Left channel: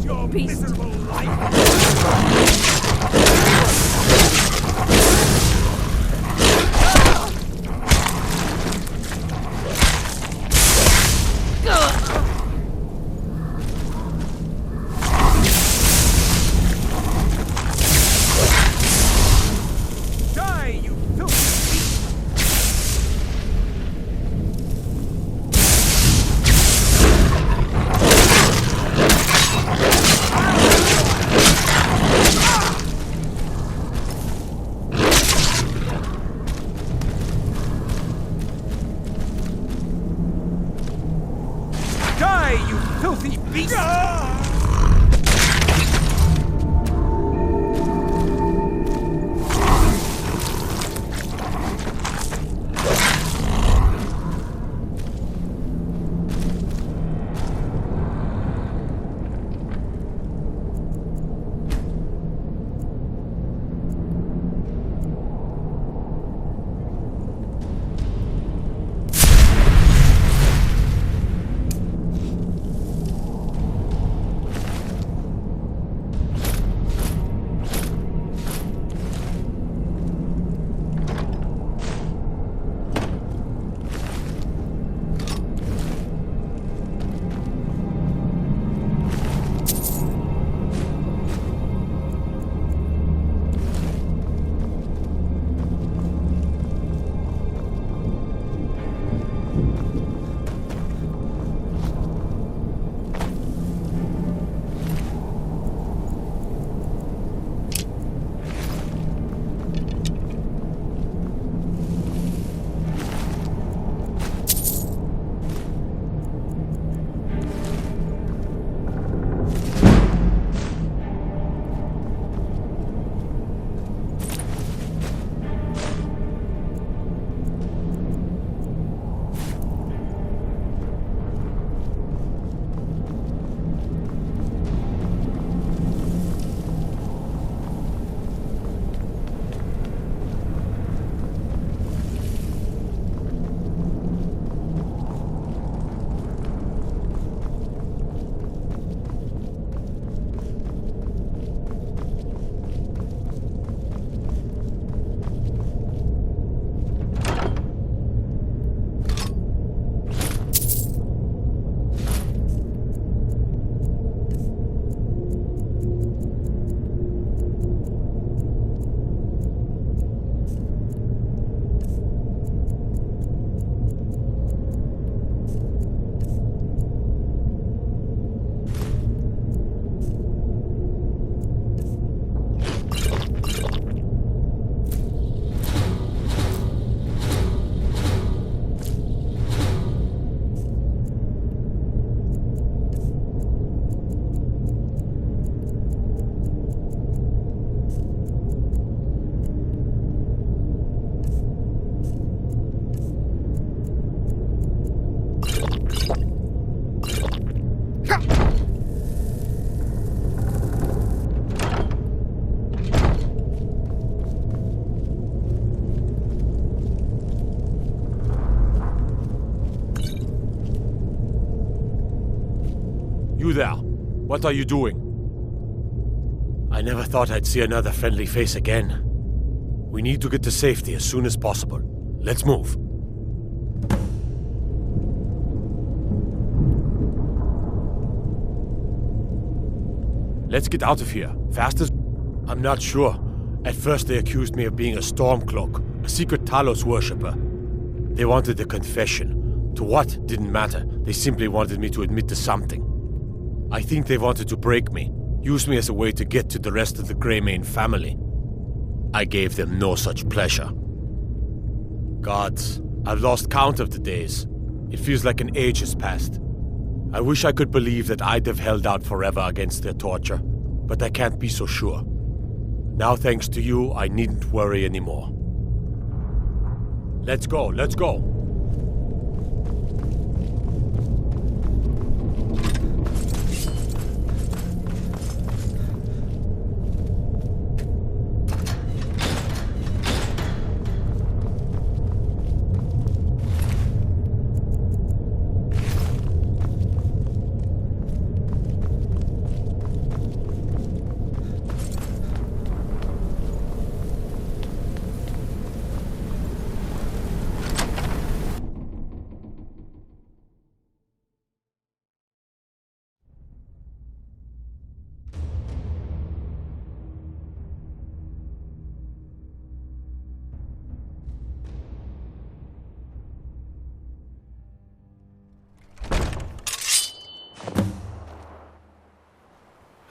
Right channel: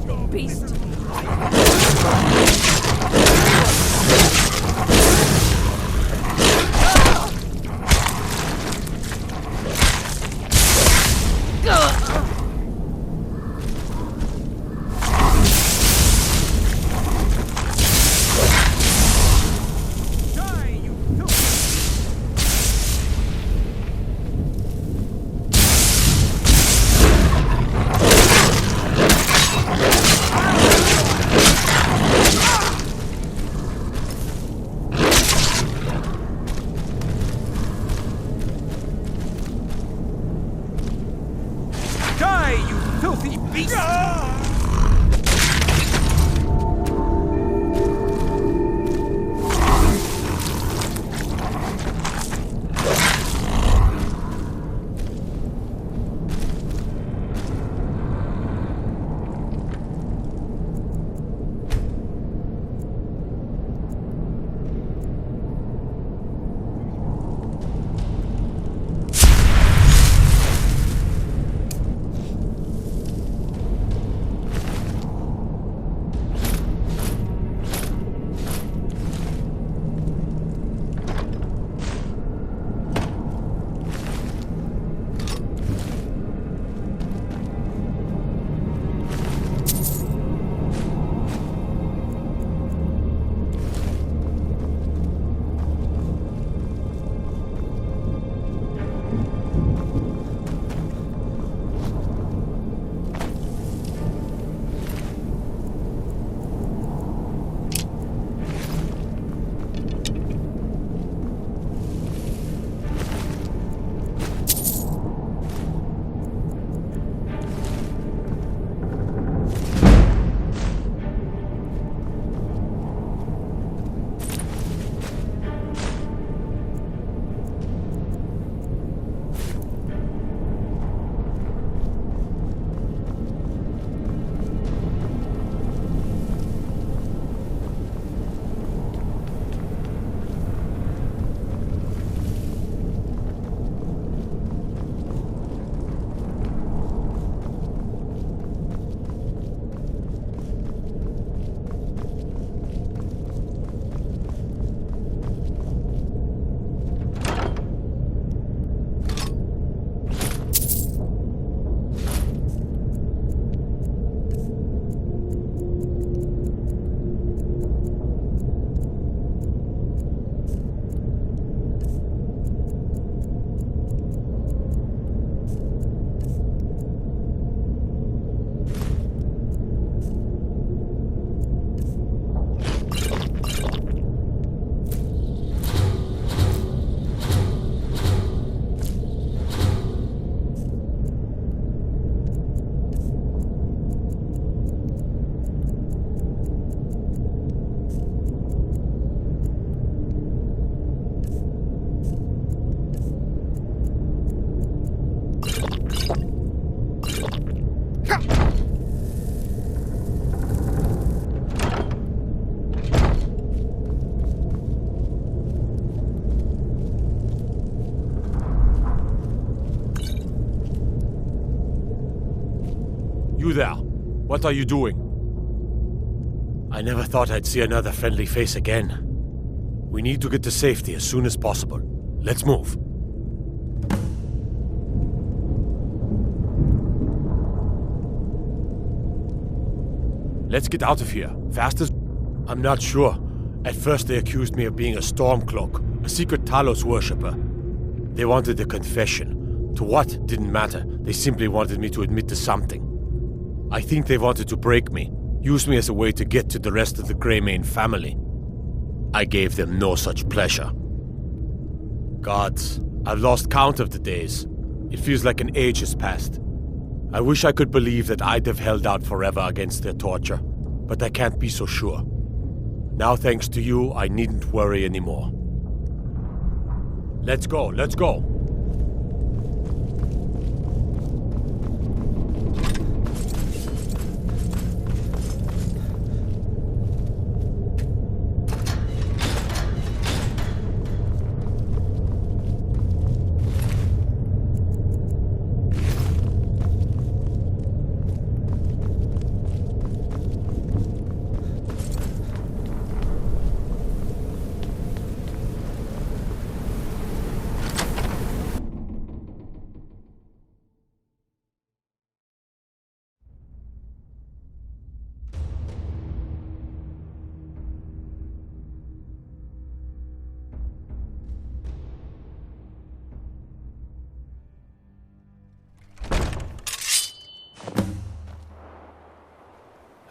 filthy beast! Filthy beast! You there. What are you doing? I never thought I'd see another friendly face again. We need to get to safety as soon as possible. Let's move. Let's get out of here. Fast as... I'm not sure. At first they accused me of being a Stormcloak, a secret Talos worshipper. They wanted a confession. To what? Didn't matter. They simply wanted me to admit to something. I think they wanted to break me, use me as a way to get to the rest of the Greymane family. I gave them no such pleasure. Gods, I've lost count of the days. It feels like an age has passed. I wish I could believe that I'd have held out forever against their torture, but I can't be so sure. Now thanks to you, I needn't worry anymore. Let's go, let's go!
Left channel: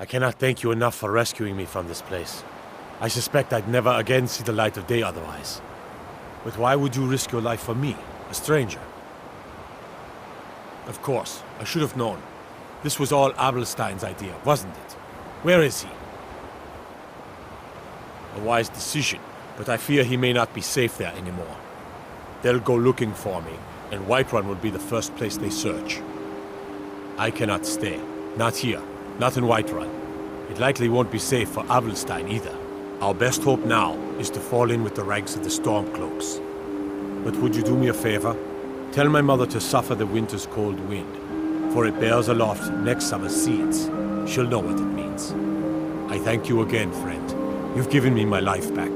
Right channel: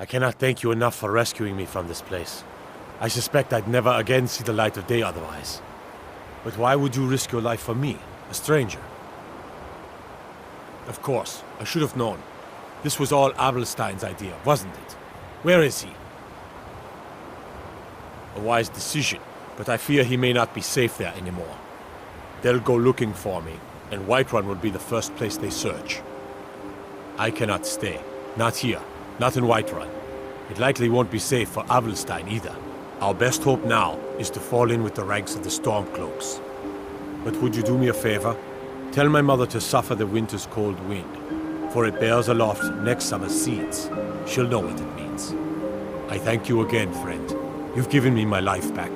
I cannot thank you enough for rescuing me from this place. I suspect I'd never again see the light of day otherwise. But why would you risk your life for me, a stranger? Of course, I should have known. This was all Abelstein's idea, wasn't it? Where is he? A wise decision, but I fear he may not be safe there anymore. They'll go looking for me, and Whiterun will be the first place they search. I cannot stay. Not here. Not in Whiterun. It likely won't be safe for Abelstein either. Our best hope now is to fall in with the ranks of the Stormcloaks. But would you do me a favor? Tell my mother to suffer the winter's cold wind, for it bears aloft next summer's seeds. She'll know what it means. I thank you again, friend. You've given me my life back.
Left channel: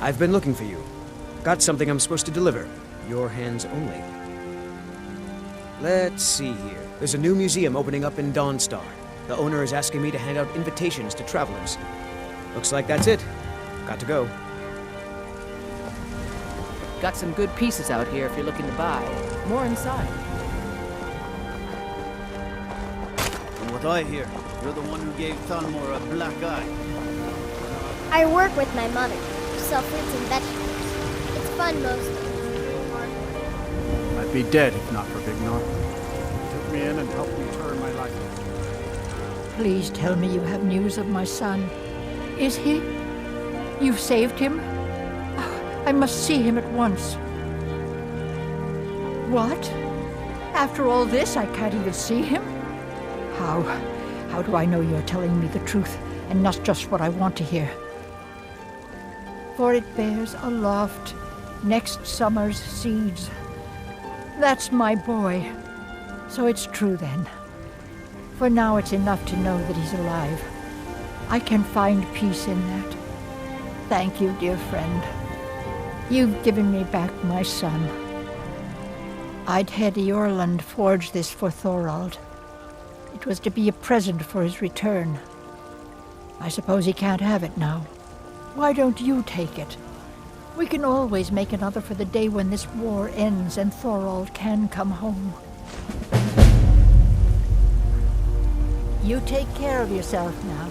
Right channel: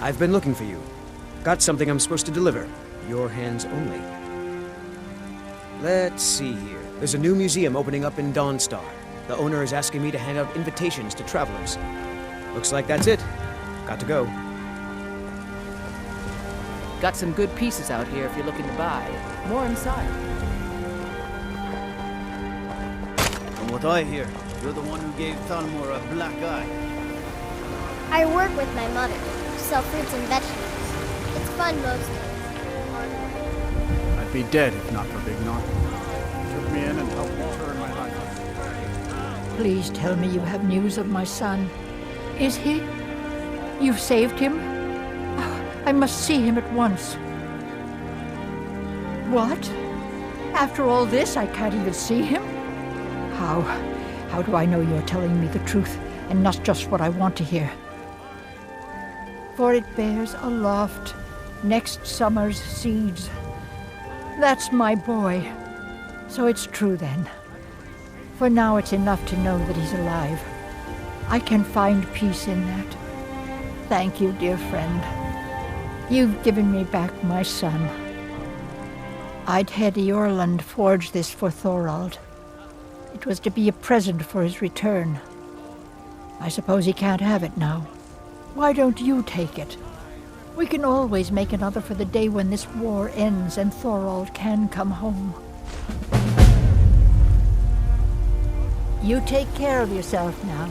I've been looking for you. Got something I'm supposed to deliver. Your hands only. Let's see here. There's a new museum opening up in Dawnstar. The owner is asking me to hand out invitations to travelers. Looks like that's it. Got to go. Got some good pieces out here if you're looking to buy. More inside. From what I hear, you're the one who gave Thalmor a black eye. I work with my mother to sell fruits and vegetables. It's fun most days. Hard work. I'd be dead if not for Big Nar. He took me in and helped me turn my life around. Please tell me you have news of my son. Is he? You've saved him? Oh, I must see him at once. What? After all this, I can't even see him? How do I know you're telling me the truth and not just what I want to hear? For it bears aloft next summer's seeds. That's my boy. So it's true then. For now it's enough to know that he's alive. I can find peace in that. Thank you, dear friend. You've given me back my son. I'd had Eorlund forge this for Thorald. It was to be a present for his return. I suppose he can't have it now. Why don't you take it? We can always make another for the day when this war ends and Thorald can come home. You take care of yourself now.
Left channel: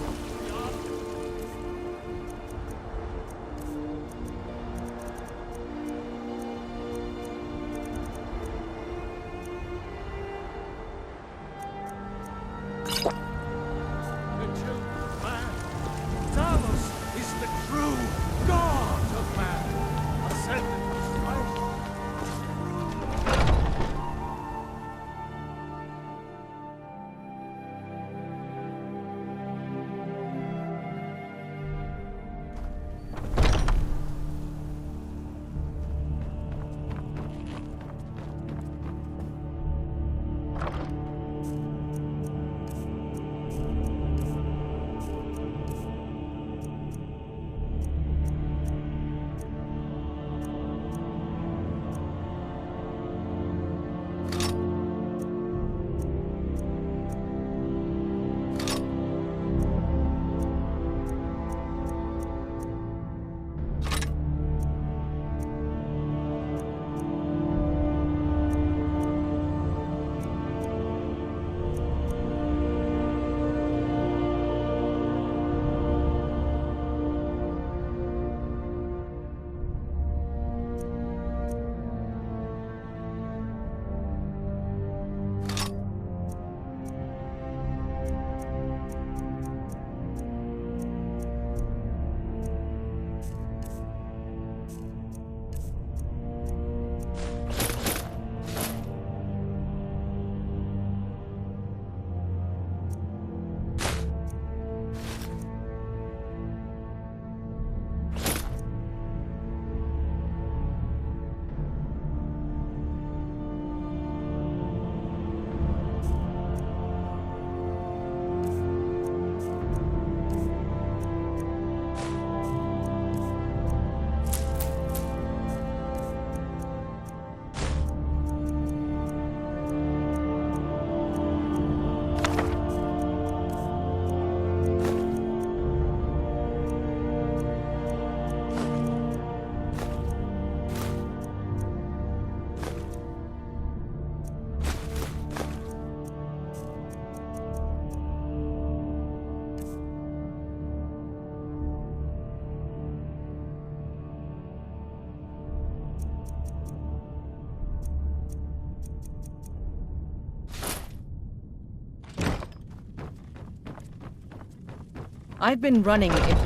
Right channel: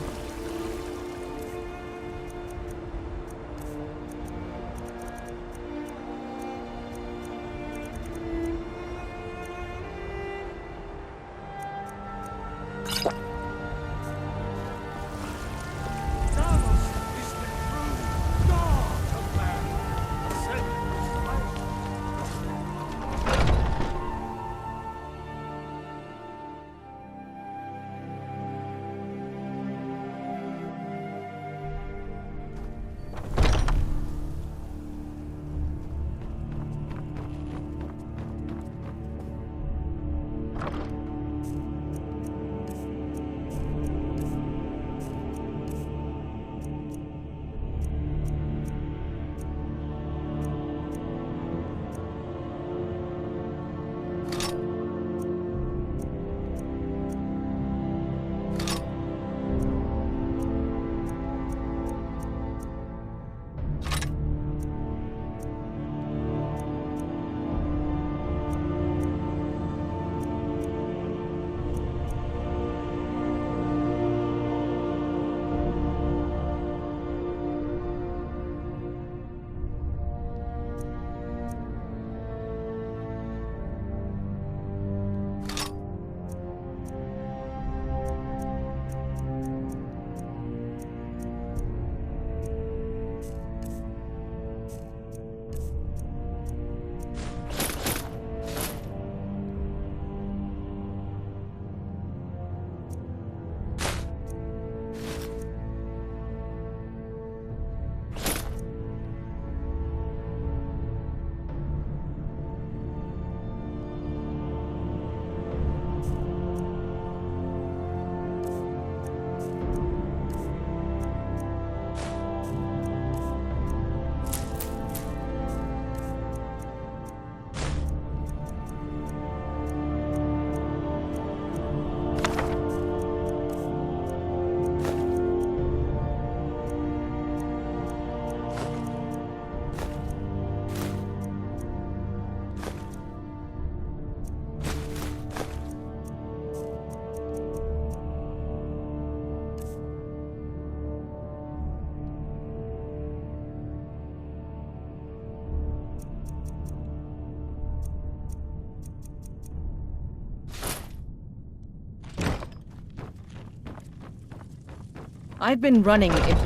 I've been running it.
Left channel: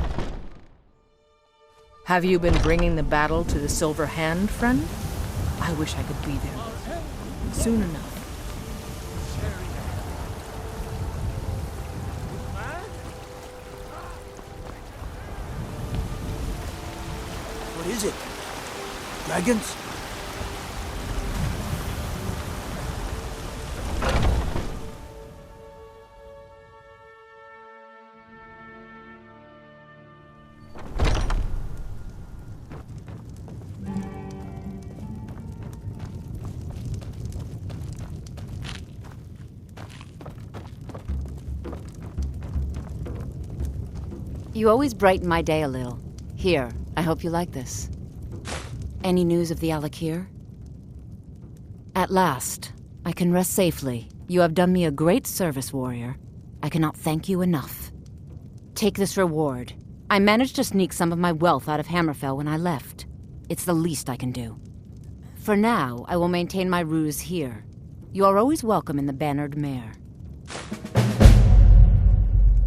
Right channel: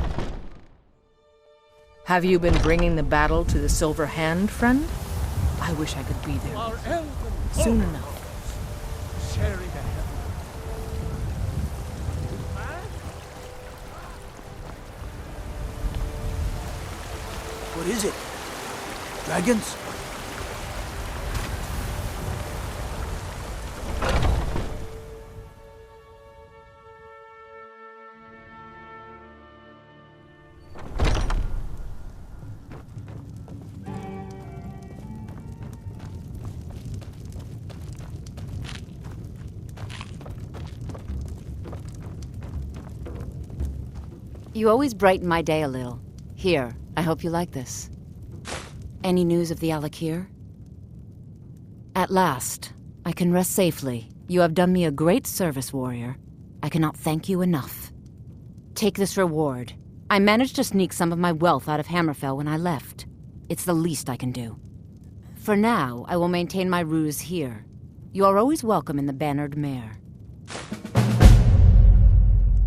Have you been bringing the battle to the Silver Hand, friend? I wish I could be there soon enough. What is it? Dragons? You always brighten my day a little. Here, I hope you like this. Any news of the Alakir? At last, I can rest safely. You have done me a great service, warrior. I cannot thank you enough. Take this reward. I managed to sneak some of my wealth out of Hammerfell when I left. It's the least I can do. For now, I will maintain my ruse here. You are always welcome in the Bannered Mare.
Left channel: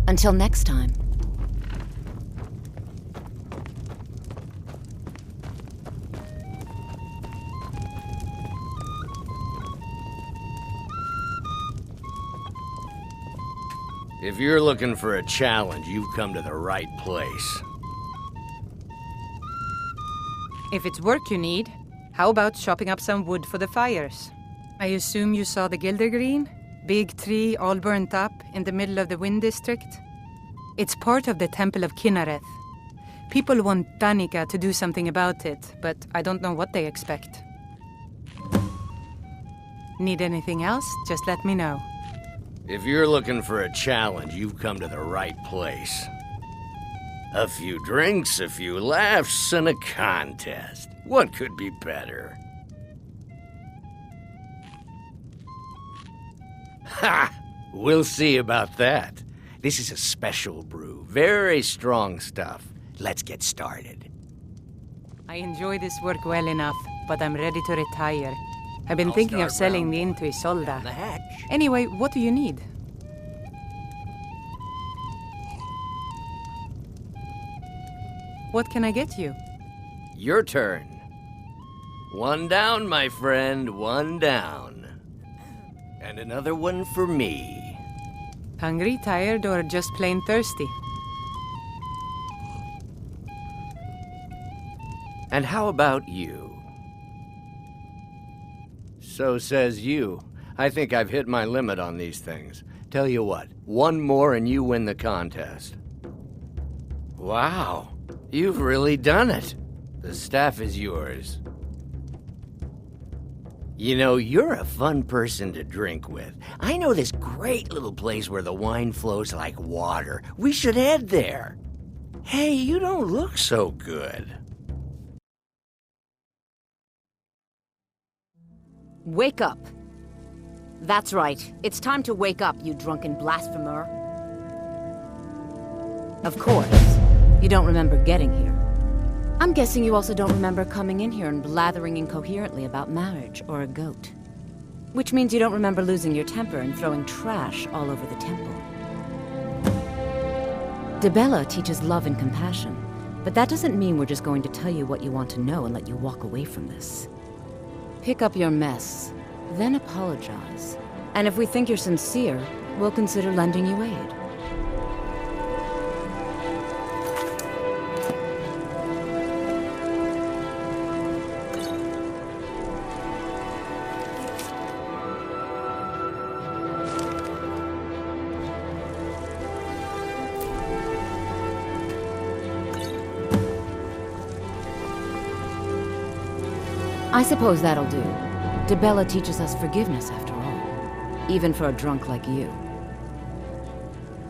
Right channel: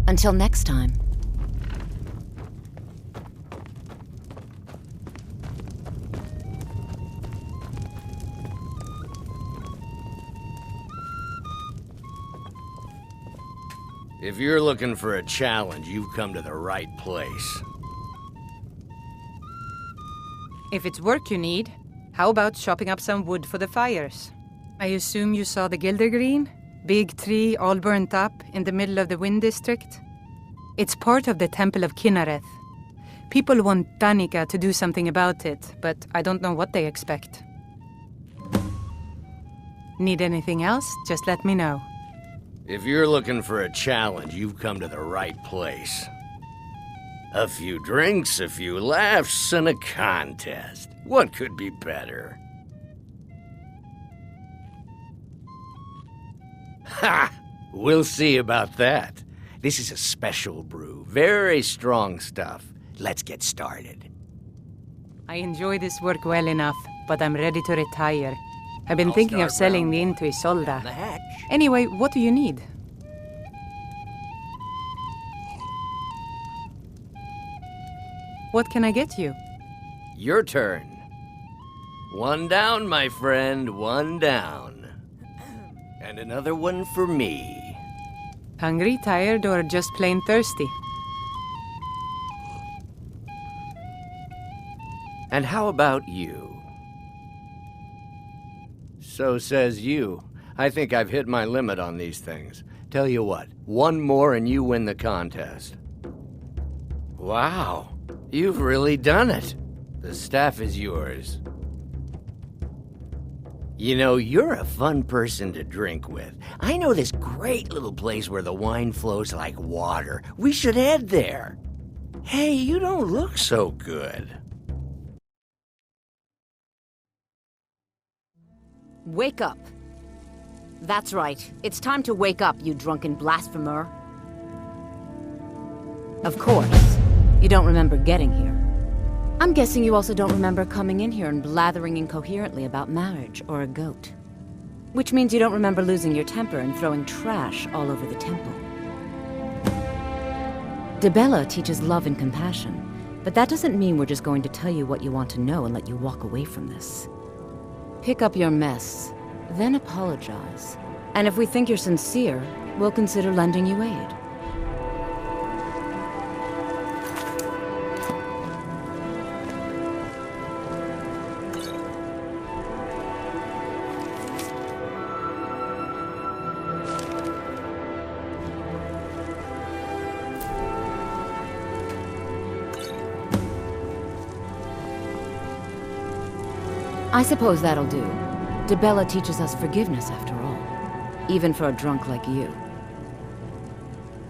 Until next time. If you're looking for a challenge, you've come to the right place. If it's work you need, how about chopping up some wood for the fires? I assume you saw the Gildergreen? Big tree all burnt up in the middle of the Wind District? It's part of the Temple of Kinnareth. People want Danica to do something about it, but I don't know what they expect. Need anything else? Just let me know. If you're looking for a challenge, you've come to the right place. A few drinks, a few laughs, and a contest. What could be better? Ha! We'll see about that. This is a special brew. Very strong stuff. Let's get started. I enjoy this work well enough, but I'm ready to retire. I've been thinking of selling the inn to Isolda. Anyway, what do you need? What can I get you? Your turn. One down, my friend, one down. And another one for me. Hungry, tired, or just plain thirsty? And how about you? So says you. I think I've hit my limit on these things. Tell you what, one more and you win the contest. Wow, you've really done it. The staff is yours. You know, you're a fun person to drink with. I know this great little place where the wine flows like water. We should head there. Hey, you don't look so good. Wake up. That's right. It's time to wake up, you drunken blasphemer. Of course. You don't remember getting here. I'm guessing you also don't remember coming in here and blathering incoherently about marriage or a goat. Which means you don't remember losing your temper and throwing trash all over the temple. Dibella teaches love and compassion, but that doesn't mean we're just going to tell you what you want to know and let you walk away from this. Pick up your mess, then apologize. And if we think you're sincere, we'll consider lending you aid. I suppose that'll do. Dibella teaches us forgiveness, after all. Even for a drunk like you.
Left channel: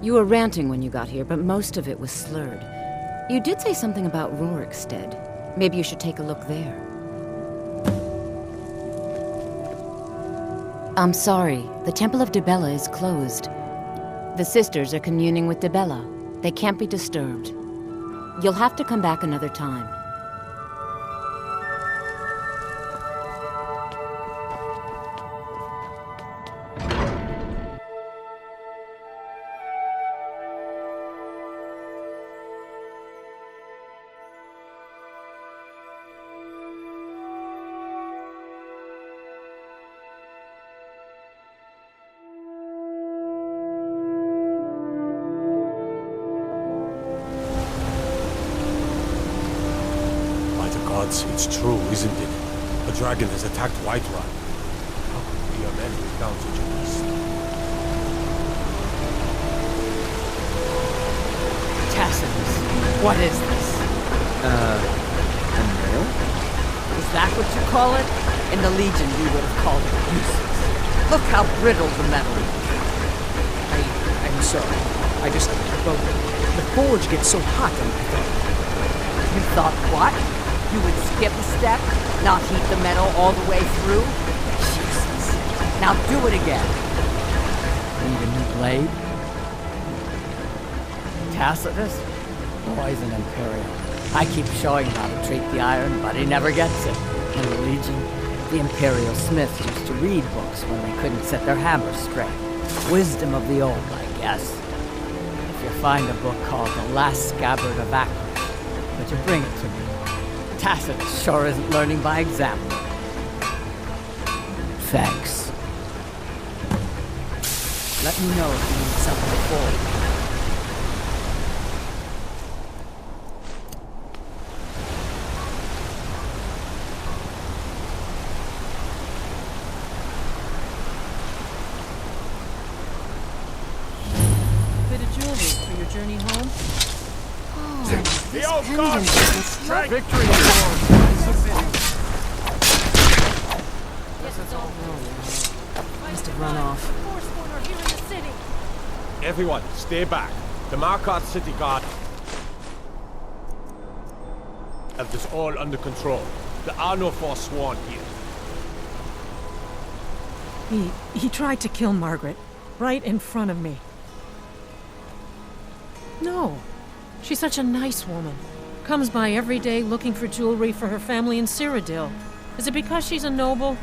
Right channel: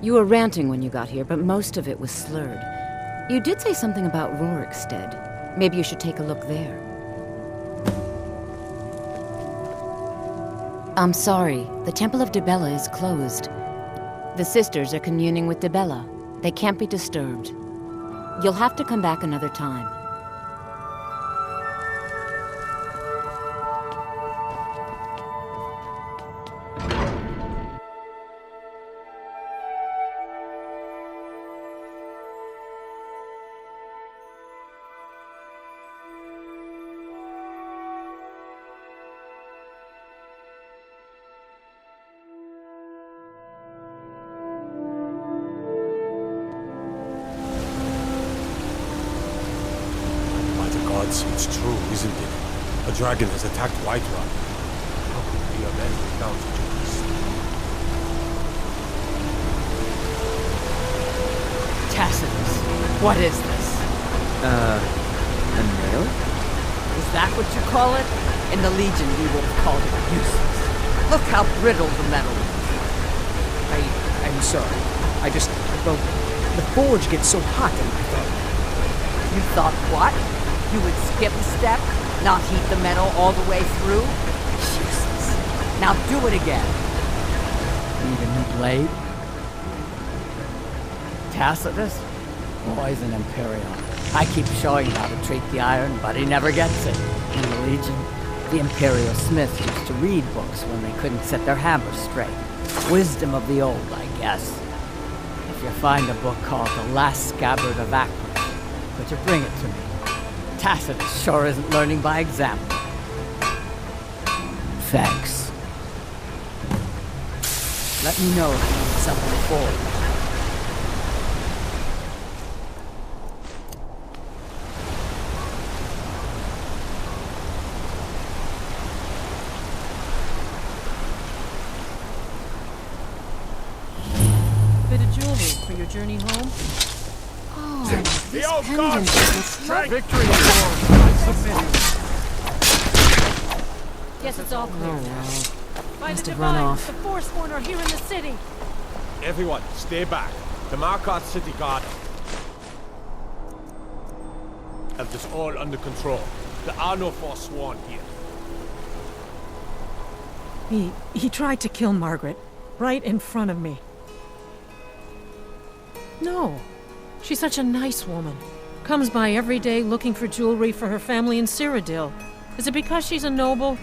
You were ranting when you got here, but most of it was slurred. You did say something about Rorikstead. Maybe you should take a look there. I'm sorry. The Temple of Dibella is closed. The sisters are communing with Dibella. They can't be disturbed. You'll have to come back another time. gods, it's true, isn't it? A dragon has attacked Whiterun. How could we amend without such a beast? Tacitus, what is this? A nail? Is that what you call it? In the Legion, we would have called it useless. Look how brittle the metal is. I'm sorry. Well, the forge gets so hot and I thought... You thought what? You would skip a step? Not heat the metal all the way through? Jesus. Now do it again. Need a new blade? Tacitus? Boy's an Imperial. I keep showing him how to treat the iron, but he never gets it. In the Legion, the Imperial smiths used to read books when they couldn't set their hammers straight. Wisdom of the old, I guess. If you find a book called The Last Scabbard of Akron, could you bring it to me? Tacitus sure isn't learning by example. Thanks. Let me know if you need something forward. Bit of jewelry for your journey home? The This old pendant gods! doesn't strike. Victory, Lord! I submit. Yes, it's all clear. Must have run off. The Forsworn are here in the city. Everyone, stay back. The Markarth city guard have this all under control. There are no Forsworn here. He tried to kill Margaret, right in front of me. No. She's such a nice woman. Comes by every day looking for jewelry for her family in Cyrodiil. Is it because she's a noble?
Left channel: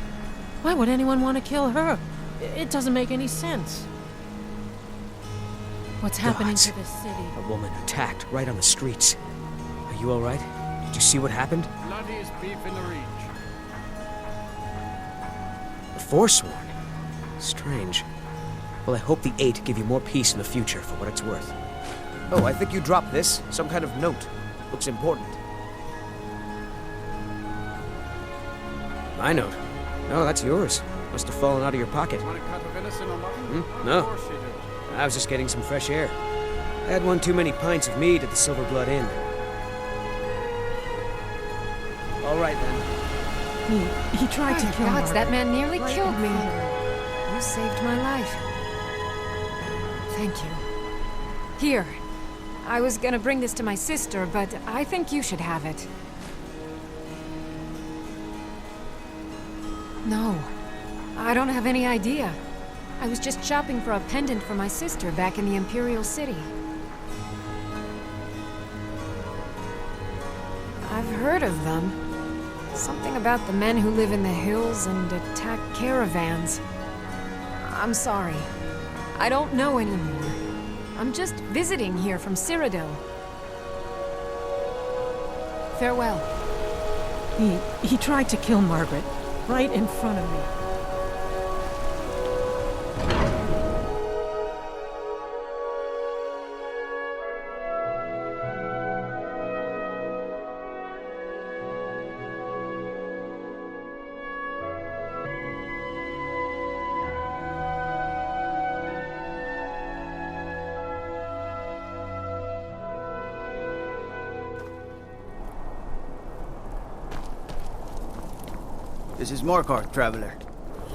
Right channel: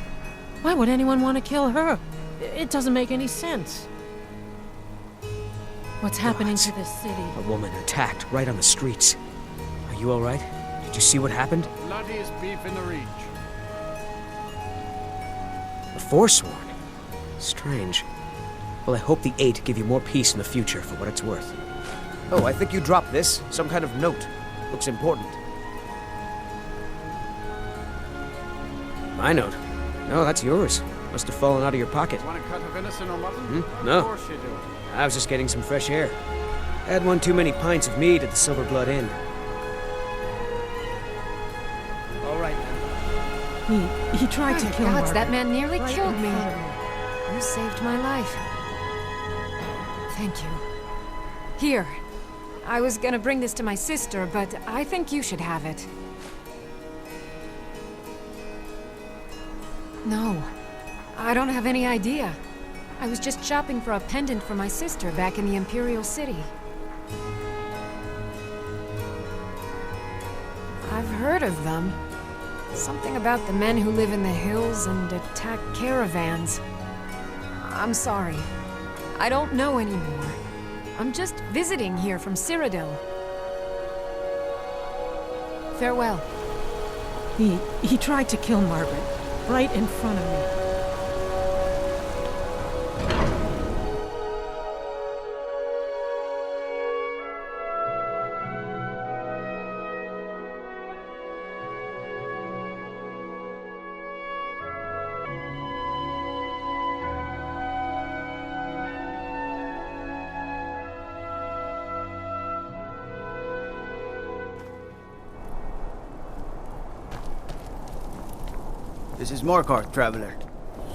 Why would anyone want to kill her? It doesn't make any sense. What's happening Gods. to this city? A woman attacked right on the streets. Are you all right? Did you see what happened? Bloodiest beef in the Reach. The Forsworn? Strange. Well, I hope the Eight give you more peace in the future for what it's worth. Oh, I think you dropped this. Some kind of note. Looks important. My note? No, that's yours. Must have fallen out of your pocket. Want a cut of venison or mutton? No. Of course you do. I was just getting some fresh air. Had one too many pints of mead at the Silver Blood Inn. All right, then. He tried to kill Gods, Margaret. that man nearly Right killed in me. front of me. You saved my life. Thank you. Here. I was gonna bring this to my sister, but I think you should have it. No. I don't have any idea. I was just shopping for a pendant for my sister back in the Imperial City. I've heard of them. Something about the men who live in the hills and attack caravans. I'm sorry. I don't know anymore. I'm just visiting here from Cyrodiil. Farewell. He tried to kill Margaret, right in front of me. This is Markarth, traveler.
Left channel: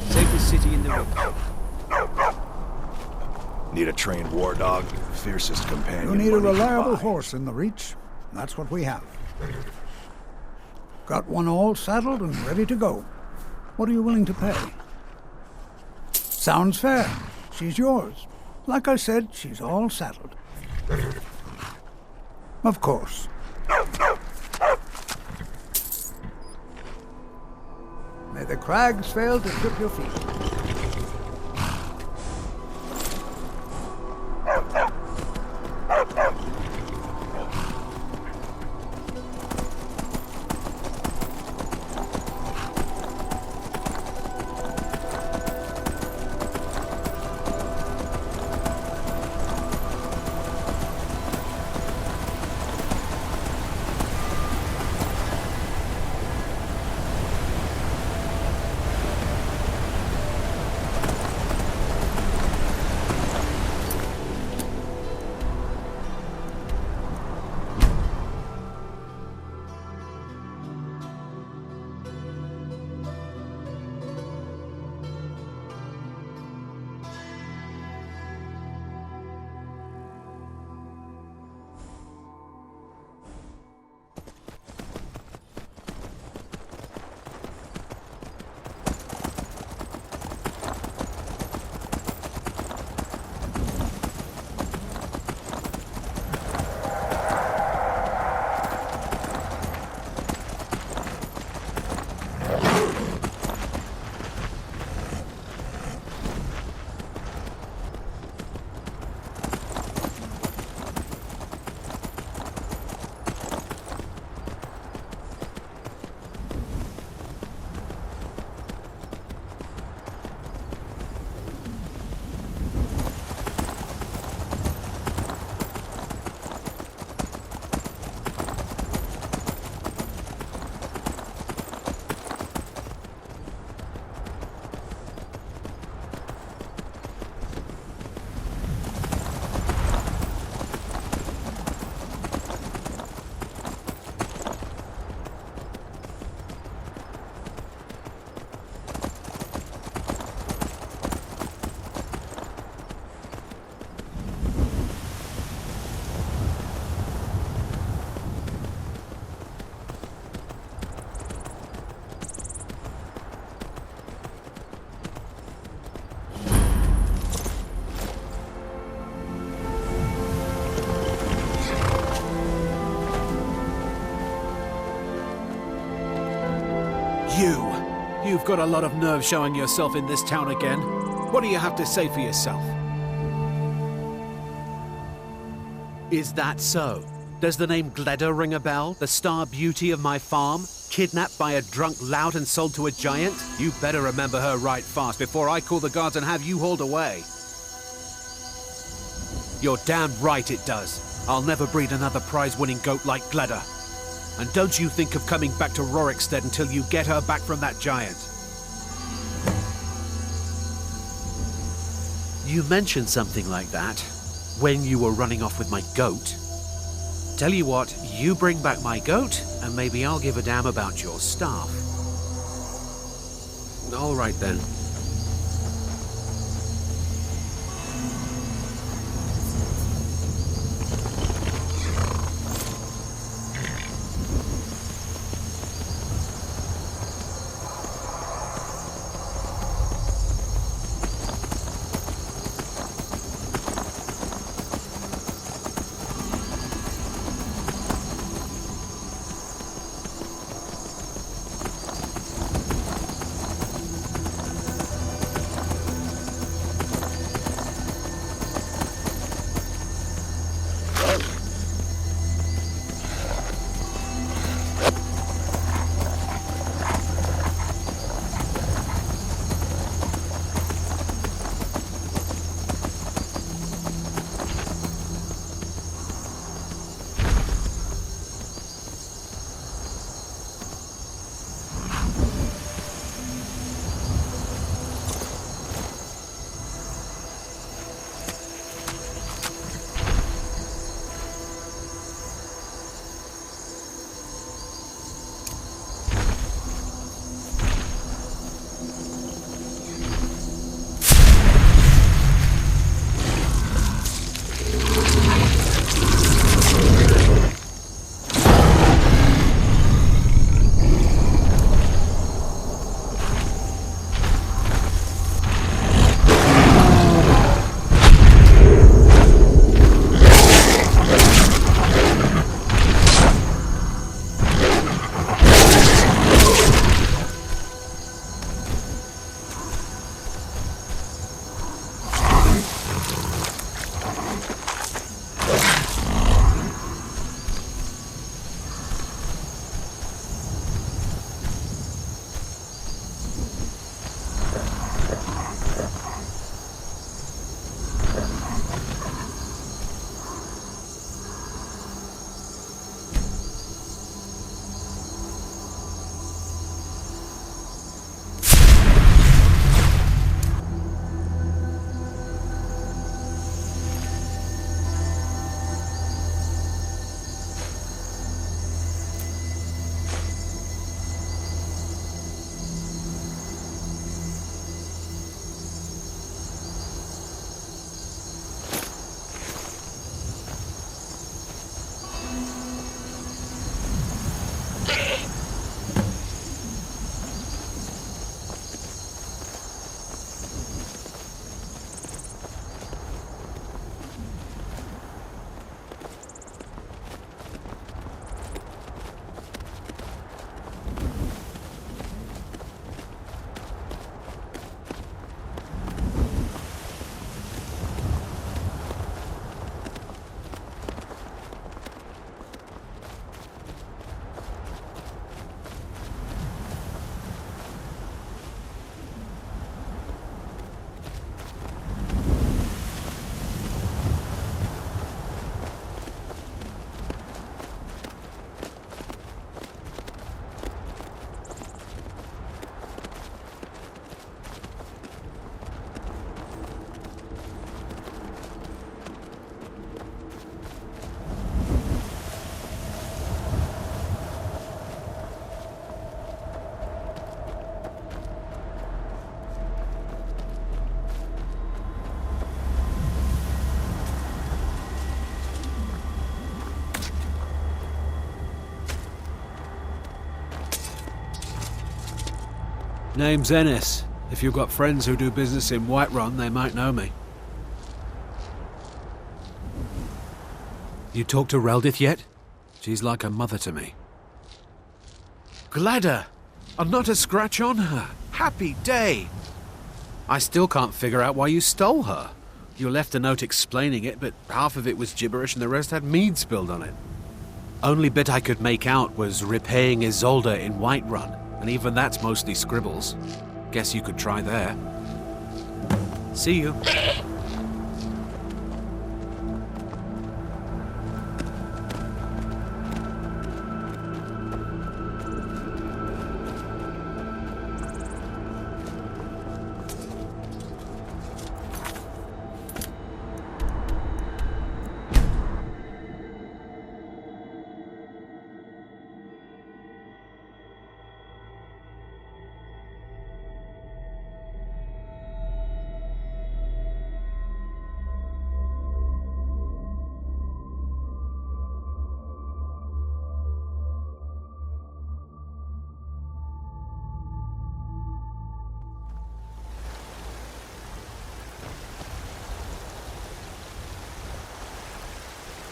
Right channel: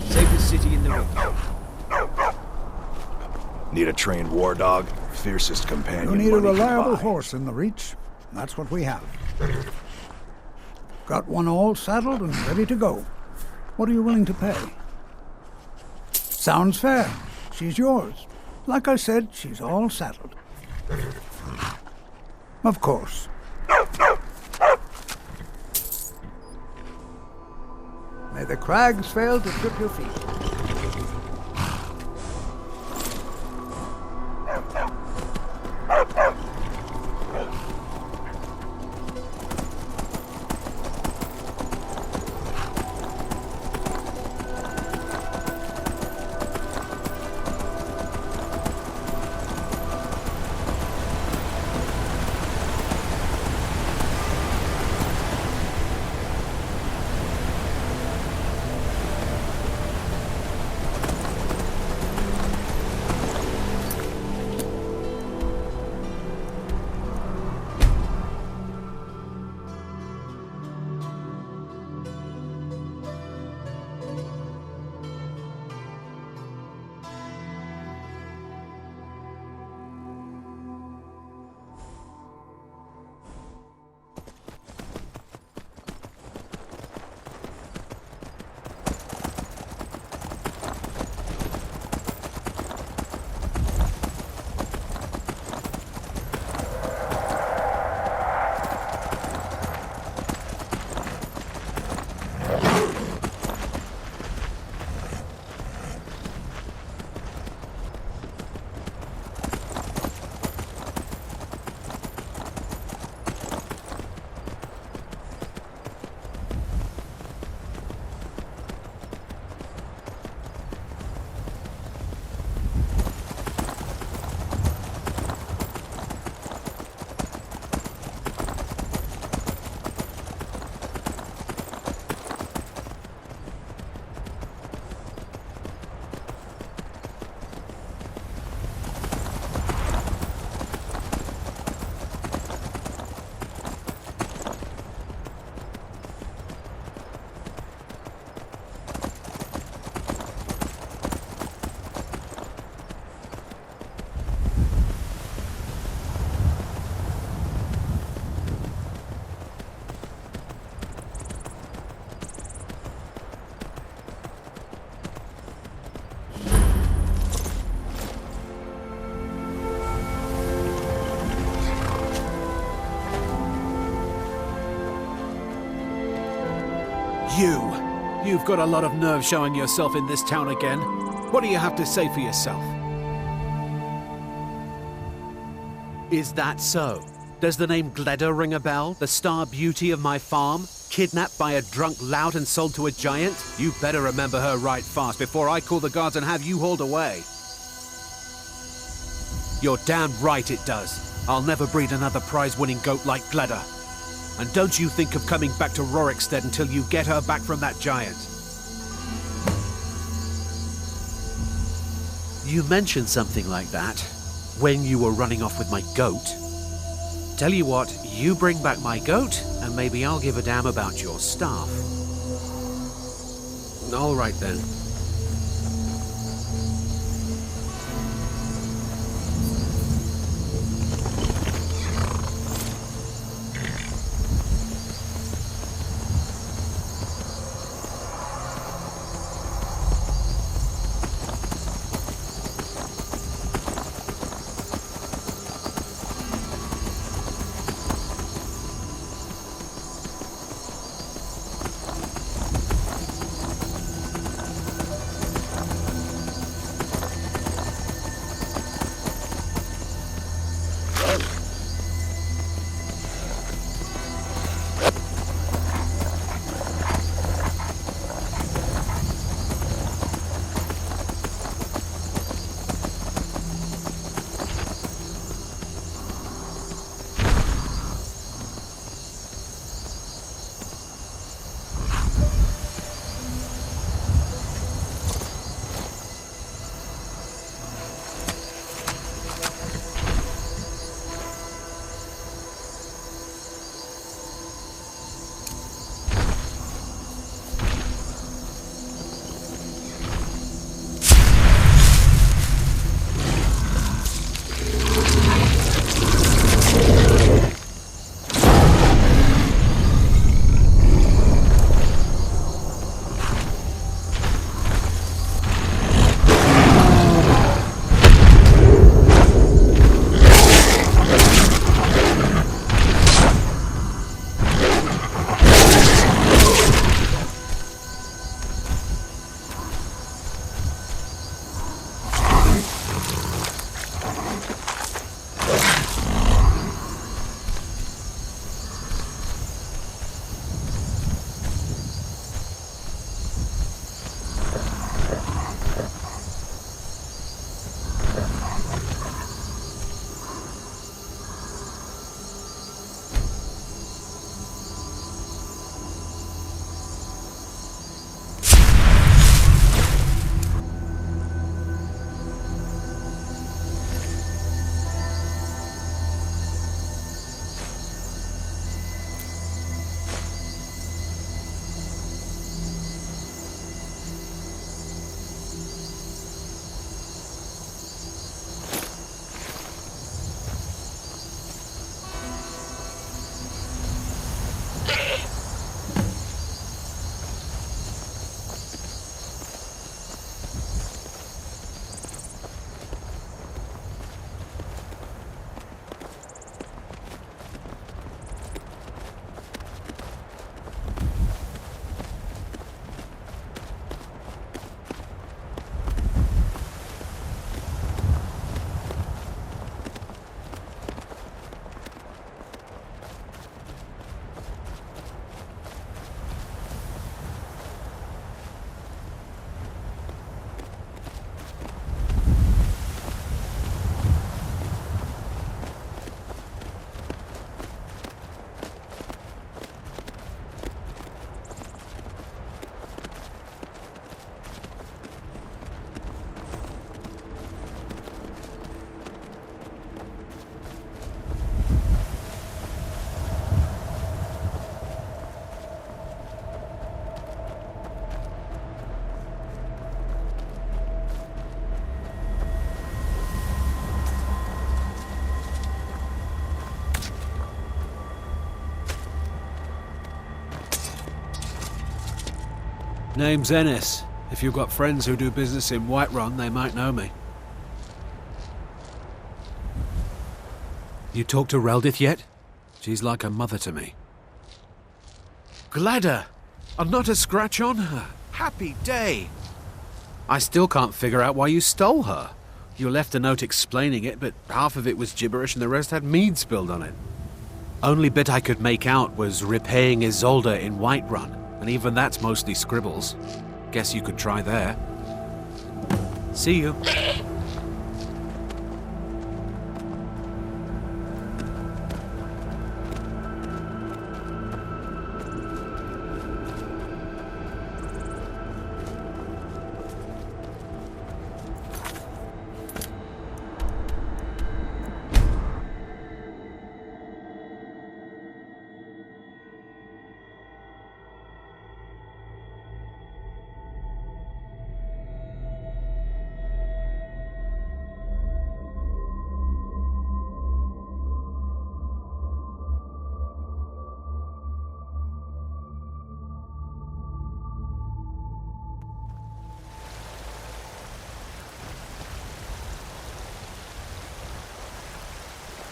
Safest city in the Reach. Need a trained war dog? Fiercest companion. You need a money can reliable buy. horse in the Reach. That's what we have. Got one all saddled and ready to go. What are you willing to pay? Sounds fair. She's yours. Like I said, she's all saddled. Of course. May the crags fail to trip your feet. You've got a lot of nerve showing yourself in this town again. What do you have to say for yourself? Is that so? Does the name Gleda ring a bell? The star beauty of my farm? Kidnapped by a drunk lout and sold to a giant? You better remember her right fast before I call the guards and have you hauled away. You're damn right it does. I'll never breed another prize-winning goat like Gleda. And don't you think of coming back to Rorikstead until you get her back from that giant. You mentioned something like that when you were running off with my goat. Tell you what, you bring back my goat, and maybe I'll give a damn about your staff. All right then. Name's Ennis. If you've got friends who do business in Whiterun, they might know me. You talked to Reldith yet? She's like a mother to me. Gleda! And not a scratch on her. Happy day. I still can't figure out why you stole her. You left a note explaining it, but half of it was gibberish and the rest had mead spilled on it. Only bit I could make out was repaying Isolde in Whiterun, and even that's mostly scribbles. Guess you could try there. See you.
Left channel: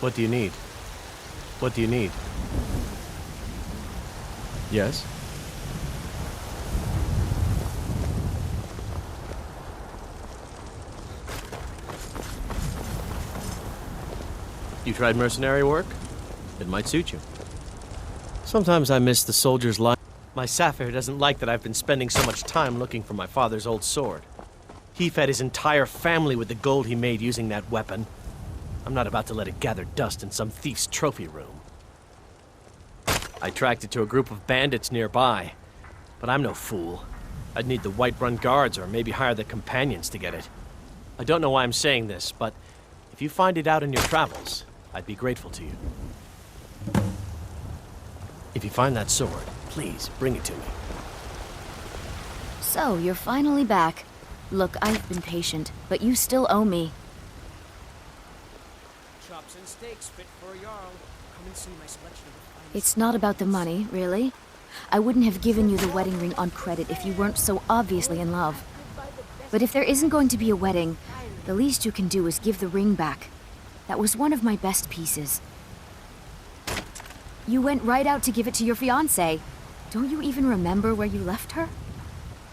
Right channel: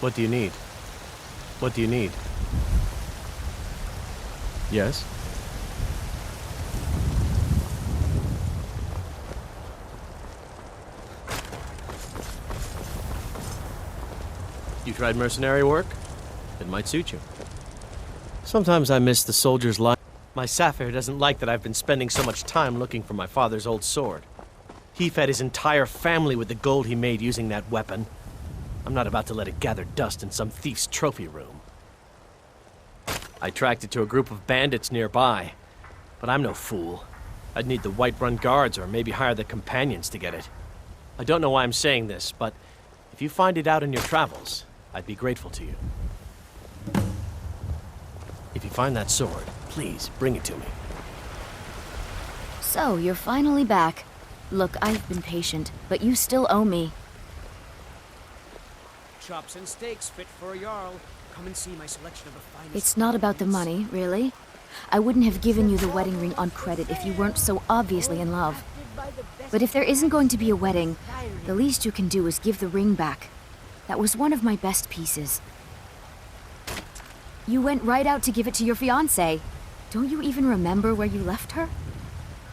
What do you need? What do you need? Yes? You tried mercenary work? It might suit you. Sometimes I miss the soldier's life. My Sapphire doesn't like that I've been spending so much time looking for my father's old sword. He fed his entire family with the gold he made using that weapon. I'm not about to let it gather dust in some thief's trophy room. I tracked it to a group of bandits nearby, but I'm no fool. I'd need the Whiterun guards or maybe hire the companions to get it. I don't know why I'm saying this, but if you find it out in your travels, I'd be grateful to you. If you find that sword, please bring it to me. So, you're finally back. Look, I've been patient, but you still owe me. Chops and steaks fit for a Jarl. Come and see my selection of the finest. It's not about the money, really. I wouldn't have given you the wedding ring on credit if you weren't so obviously in love. But if there isn't going to be a wedding, the least you can do is give the ring back. That was one of my best pieces. You went right out to give it to your fiancé. Don't you even remember where you left her?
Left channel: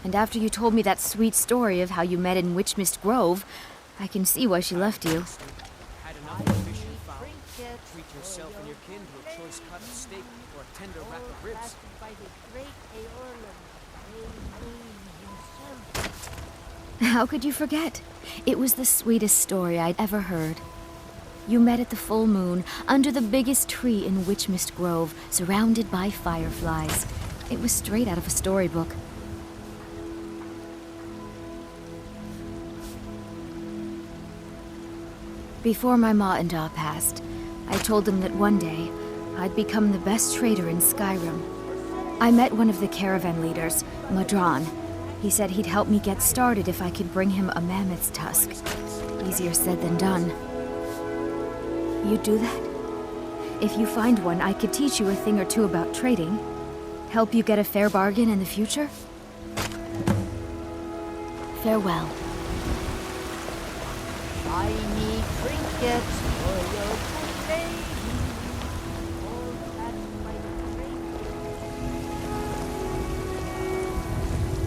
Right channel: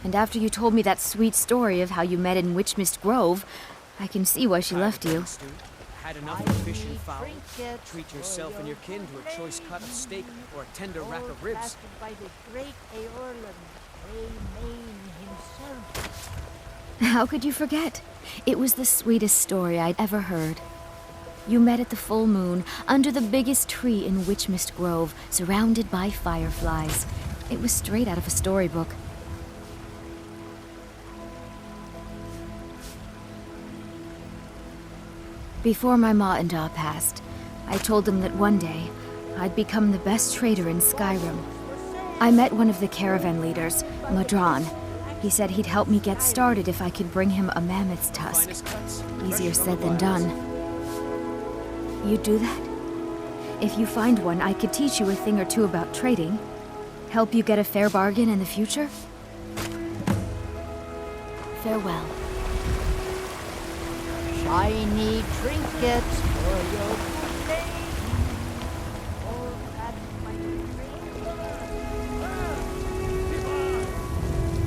And after you told me that sweet story of how you met in Witchmist Grove, I can see why she left you. Had enough of fish and fowl. Treat yourself and your kin to a choice cut of steak or a tender rack of ribs. How could you forget? It was the sweetest story I'd ever heard. You met at the full moon, under the biggest tree in Witchmist Grove, surrounded by fireflies. It was straight out of a storybook. Before my ma and Da passed, I told them that one day, I'd become the best trader in Skyrim. I met one of the caravan leaders, Madran. He said he'd help me get started if I could bring him a mammoth's tusk. Easier said than done. You'd do that? If you find one, I could teach you a thing or two about trading. Help you get a fair bargain in the future? Farewell. Shiny trinkets for your good lady. All wrapped by the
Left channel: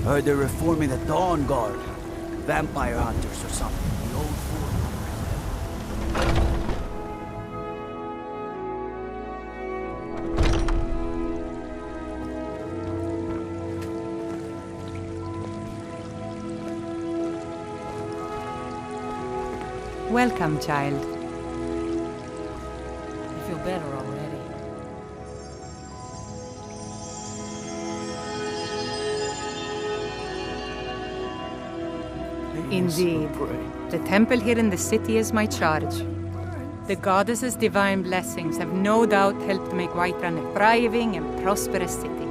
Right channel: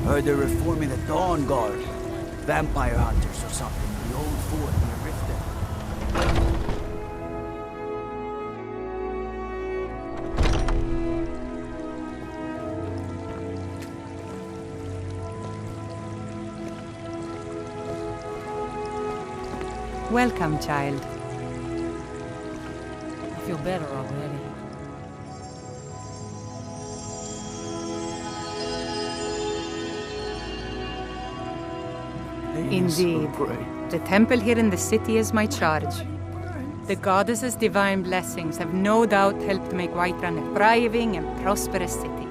Heard they're reforming the Dawn Guard. Vampire hunters or something. The old fort near Riften. Welcome, child. I feel better already. Indeed. The temple here in the city is my charge. The goddess's divine blessings have no doubt helped make Whiterun a thriving and prosperous city.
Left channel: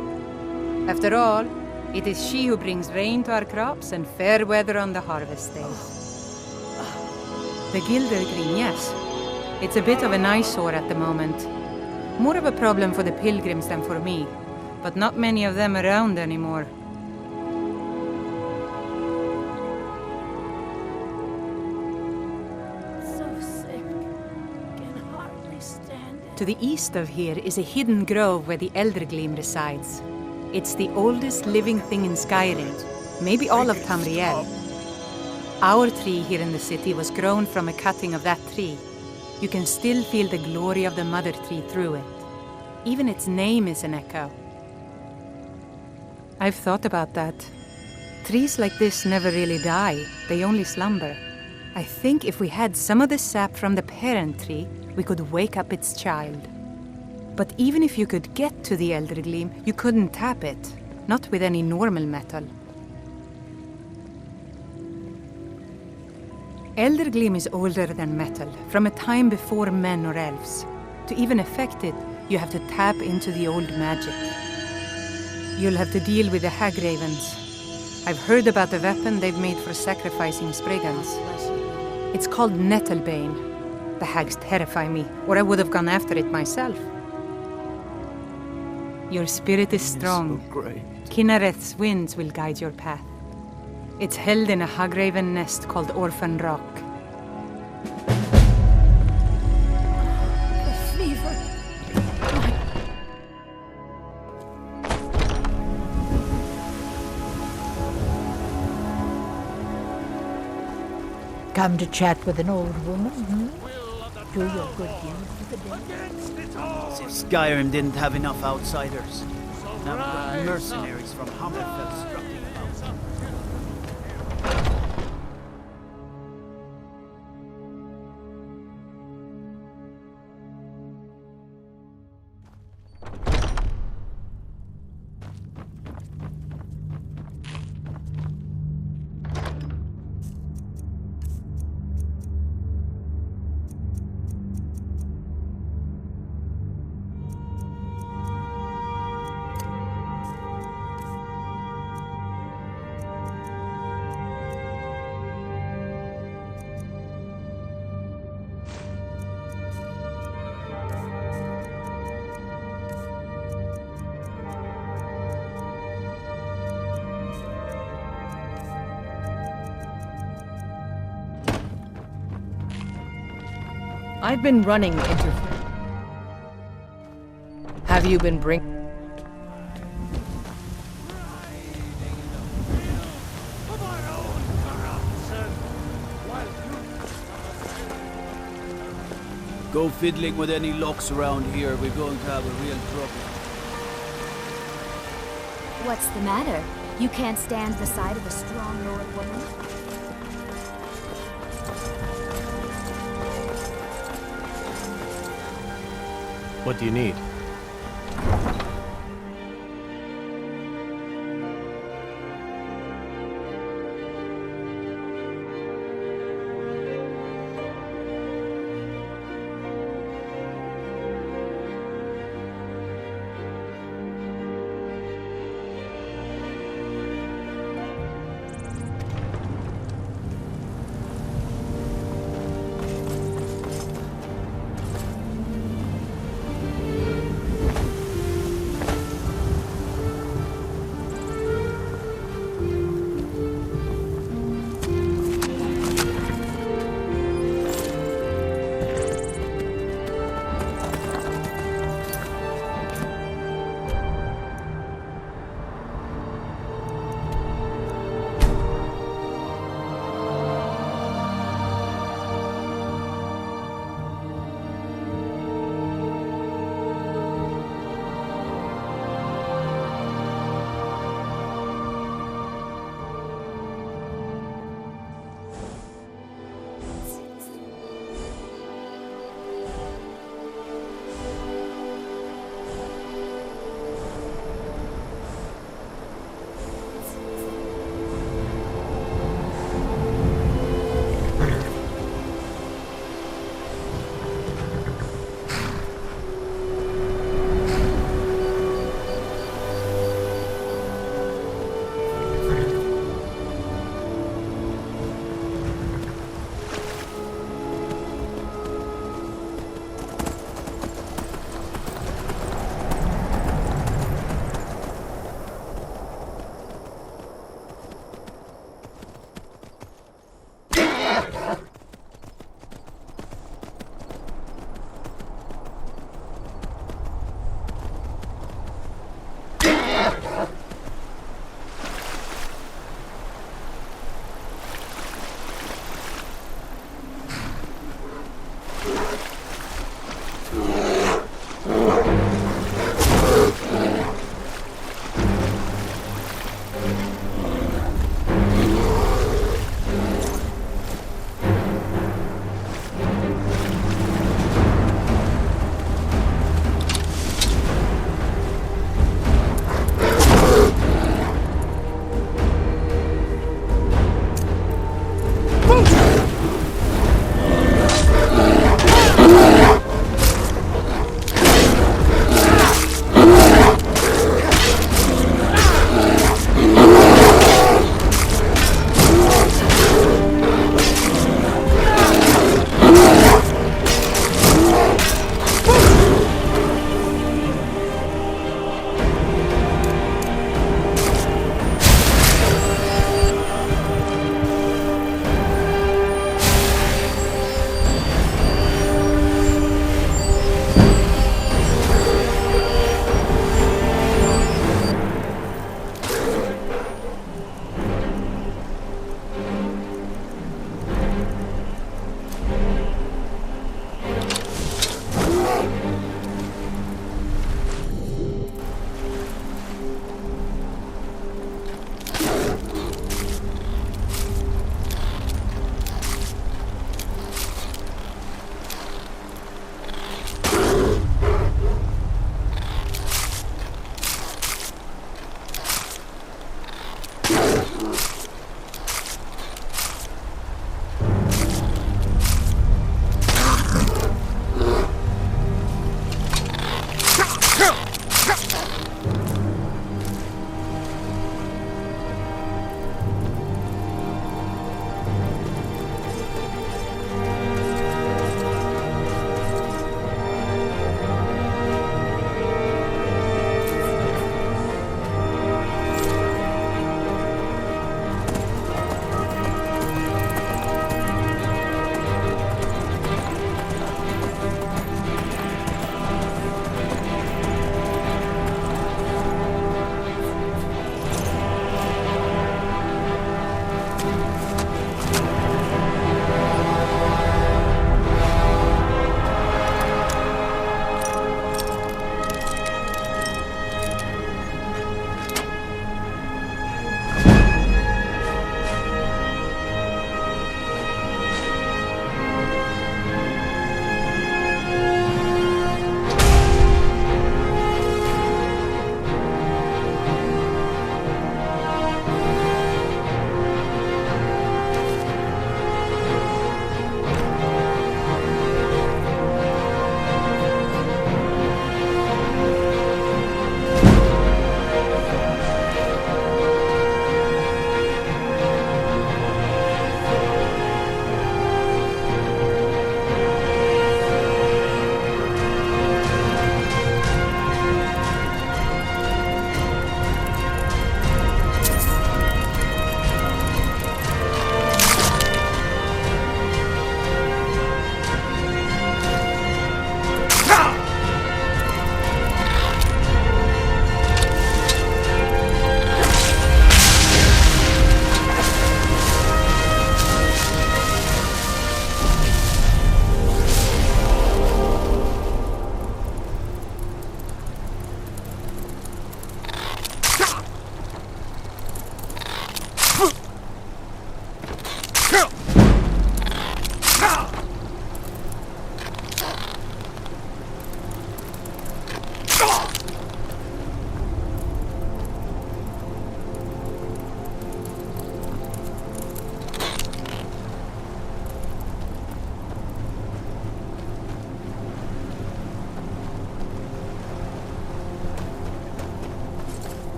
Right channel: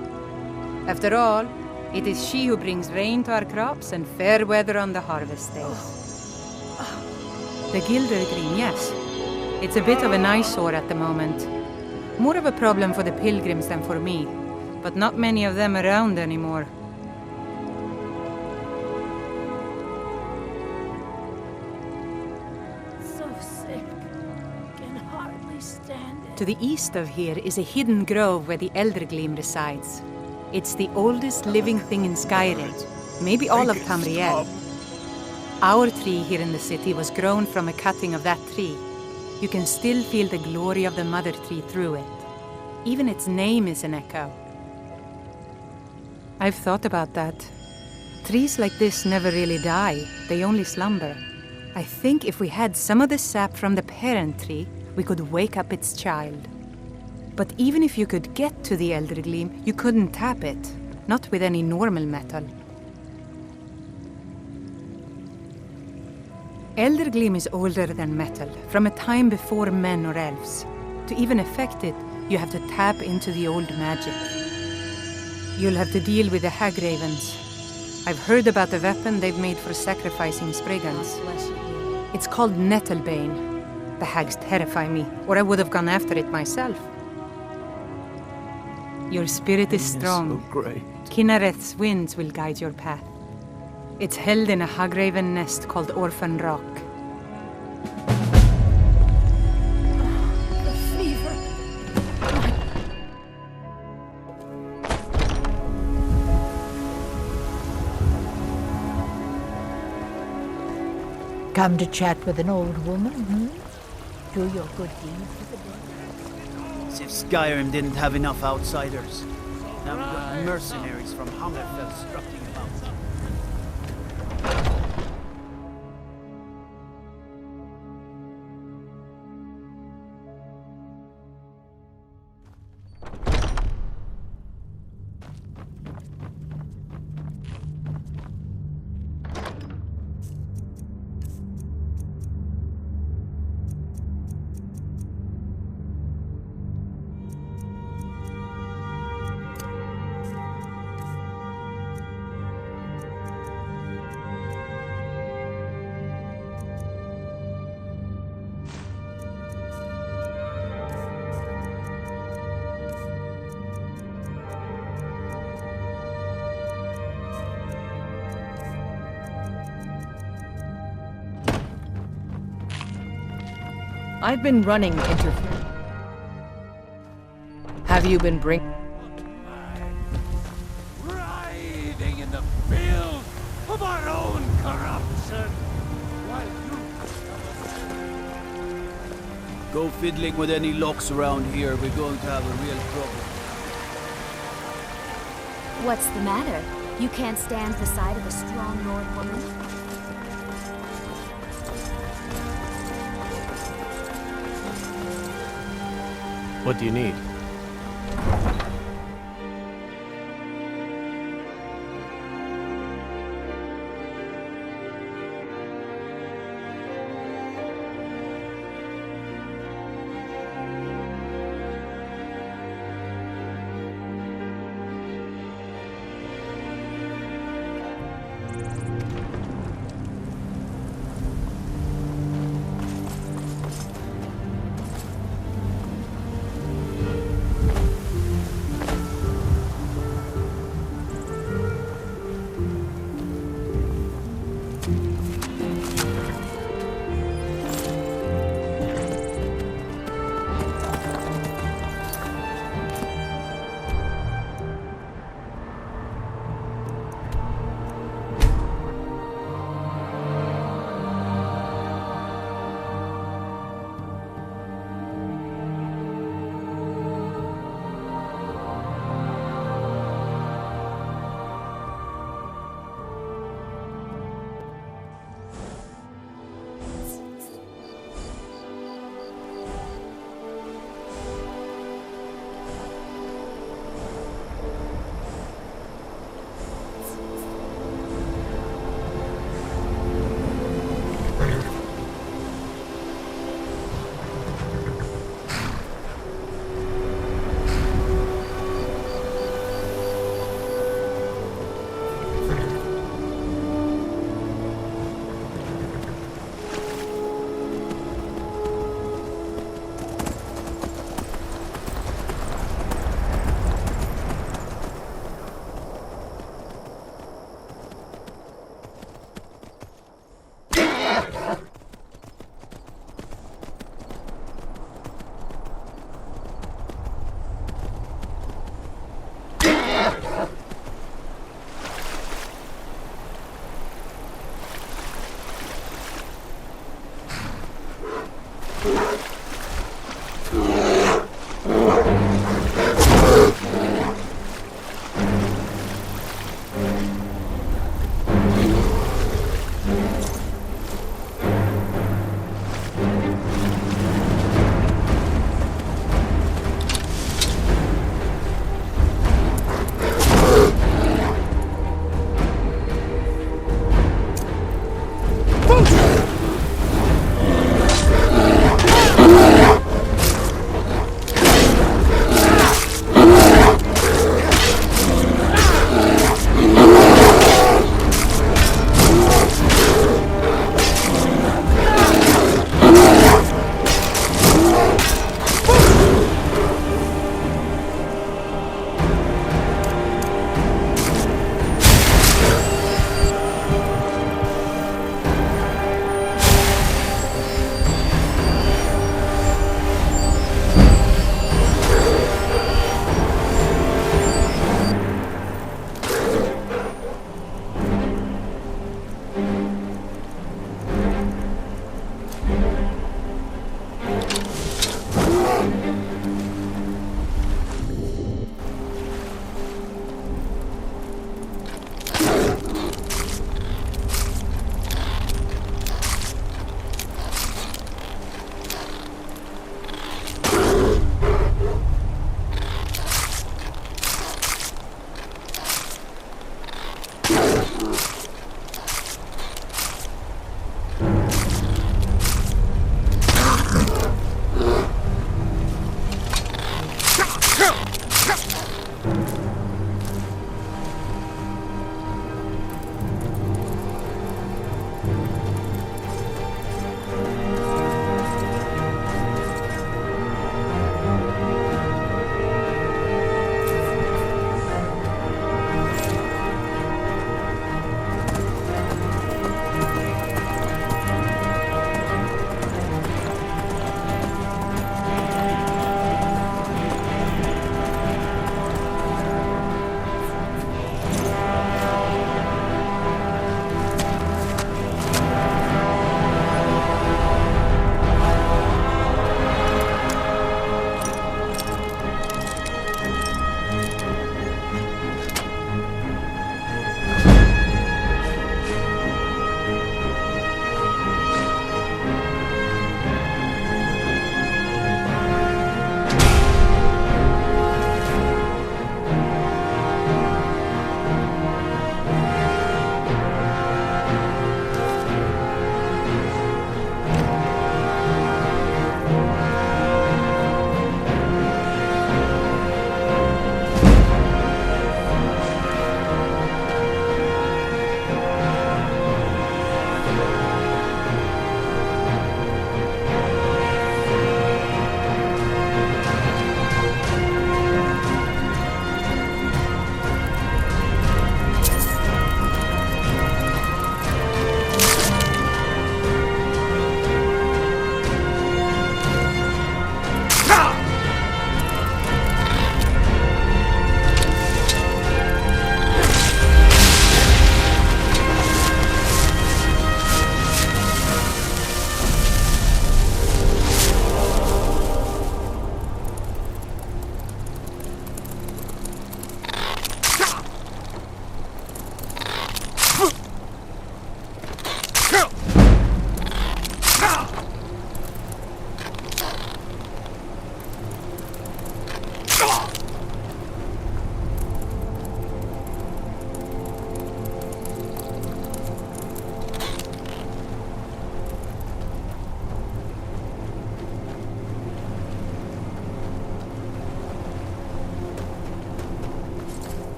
After all, it is she who brings rain to our crops and fair weather on the harvest days. The Gildergreen, yes. It's a bit of an eyesore at the moment. More of a problem for the pilgrims than for me, but not many of them around anymore. So sick. Can hardly stand it. To the east of here is a hidden grove where the Eldergleam resides. It's the oldest living thing in Skyrim, maybe all of Tamriel. Our tree here in the city was grown from a cutting of that tree. You can still feel the glory of the mother tree through it. Even its name is an echo. I've thought about that. Trees like this never really die, they only slumber. I think if we had some of the sap from the parent tree, we could wake up its child. But even if you could get to the Elder Gleam, you couldn't tap it, not with any normal metal. Elder Gleam is older than metal, from a time before men or elves. To even affect it, you have to tap into the old magic. You'll have to deal with the hag ravens. I've heard about the weapon they've made for sacrificing Spriggans. It's called Nettlebane. The hags terrify me, or I would have gone after it myself. Your spirit is strong. So great. Kinnereth's winds will guide your path. It's held in a hagraven nest called Orphan Rock. The fever. Come to chat with an old woman, hmm? Do your good deed for the day. As if Skyrim didn't have enough outsiders. Now we've got mercenaries from Hammerfell strutting about. I've been running interference. Have you been Writhing in the field of our own corruption, while you Go fiddling with any locks around here, we're going to have a real problem. What's the matter? You can't stand the sight of a strong Lord woman? What do you need?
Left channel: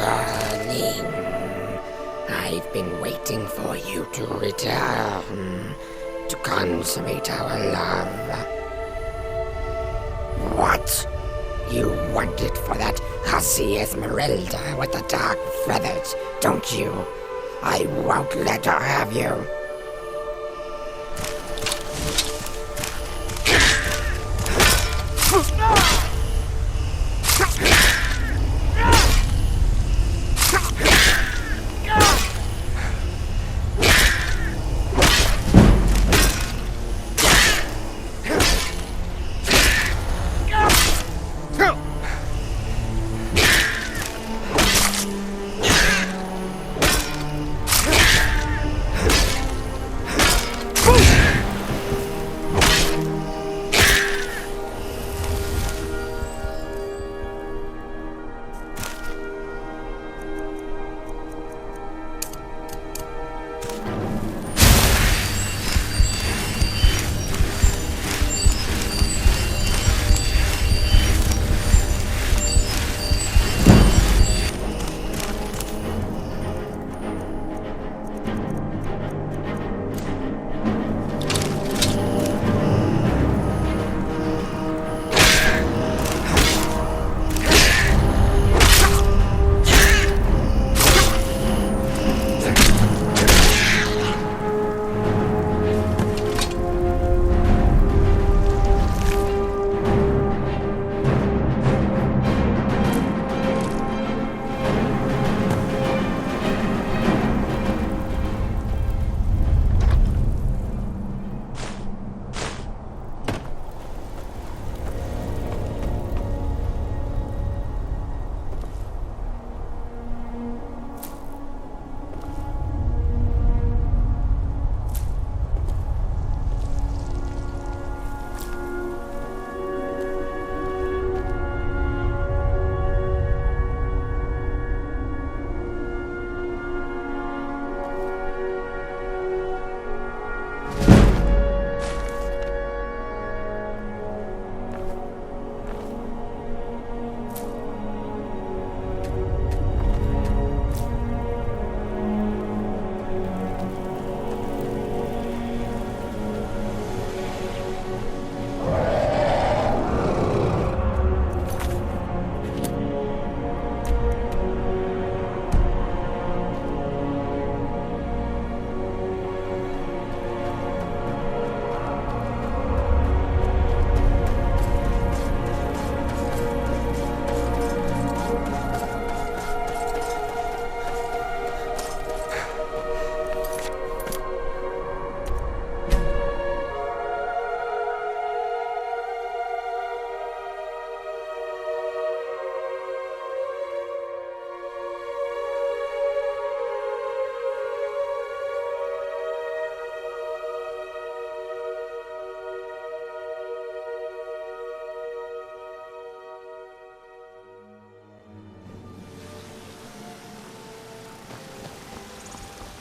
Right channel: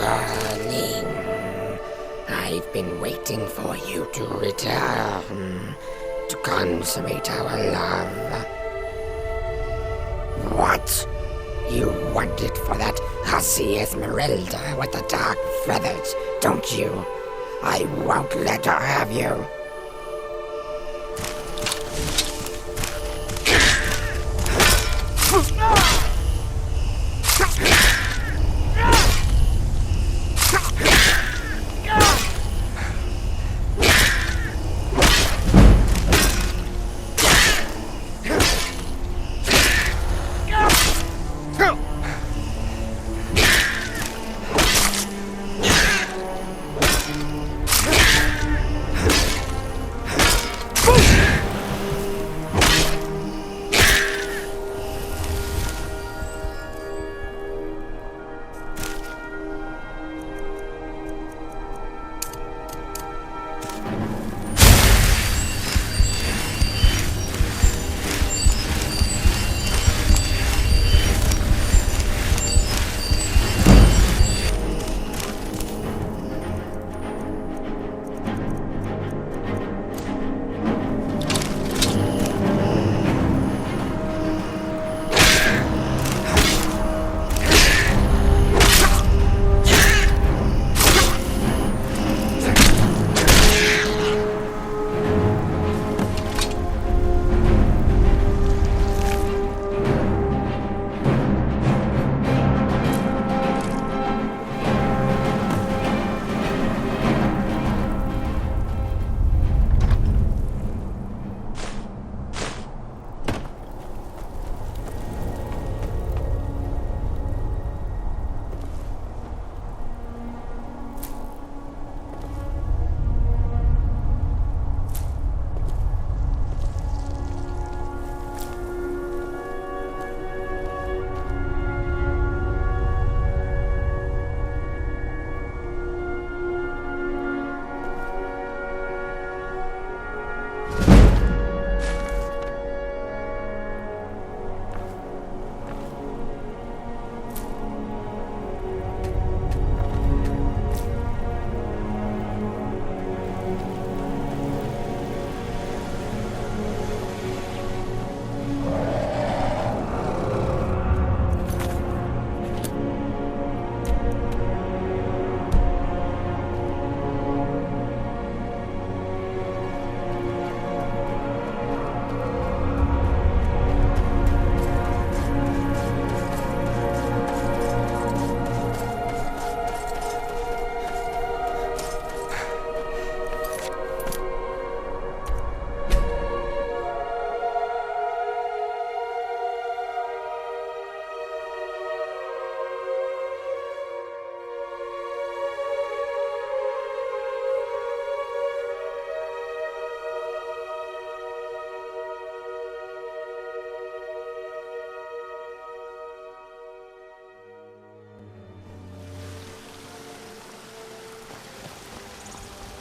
Darling, I've been waiting for you to return, to consummate our love. What? You want it for that hussy Esmeralda with the dark feathers, don't you? I won't let her have you.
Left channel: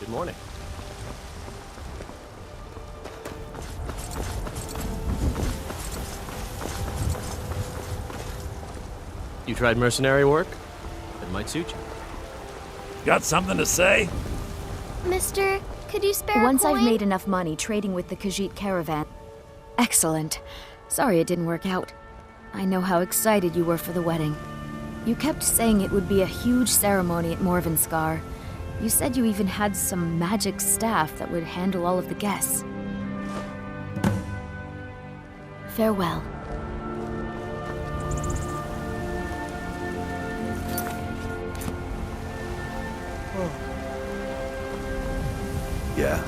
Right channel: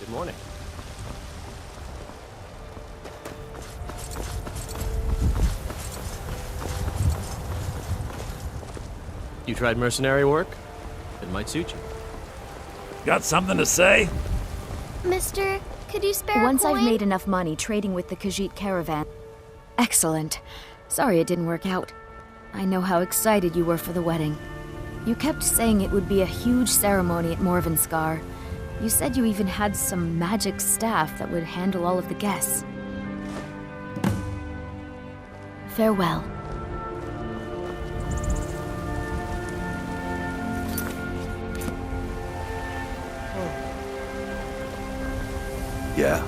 Good morning. You tried mercenary work? It might suit you. Got something to say? Mister, could you spare Once a coin? I've made enough money trading with the Khajiit caravan. Excellent. Sorry it didn't work out. I know how excited you were for the wedding. You kept saying it would be a huge ceremony at Morvenskar. You said you even had some magic staff that would handle all of the guests. Farewell. Yeah.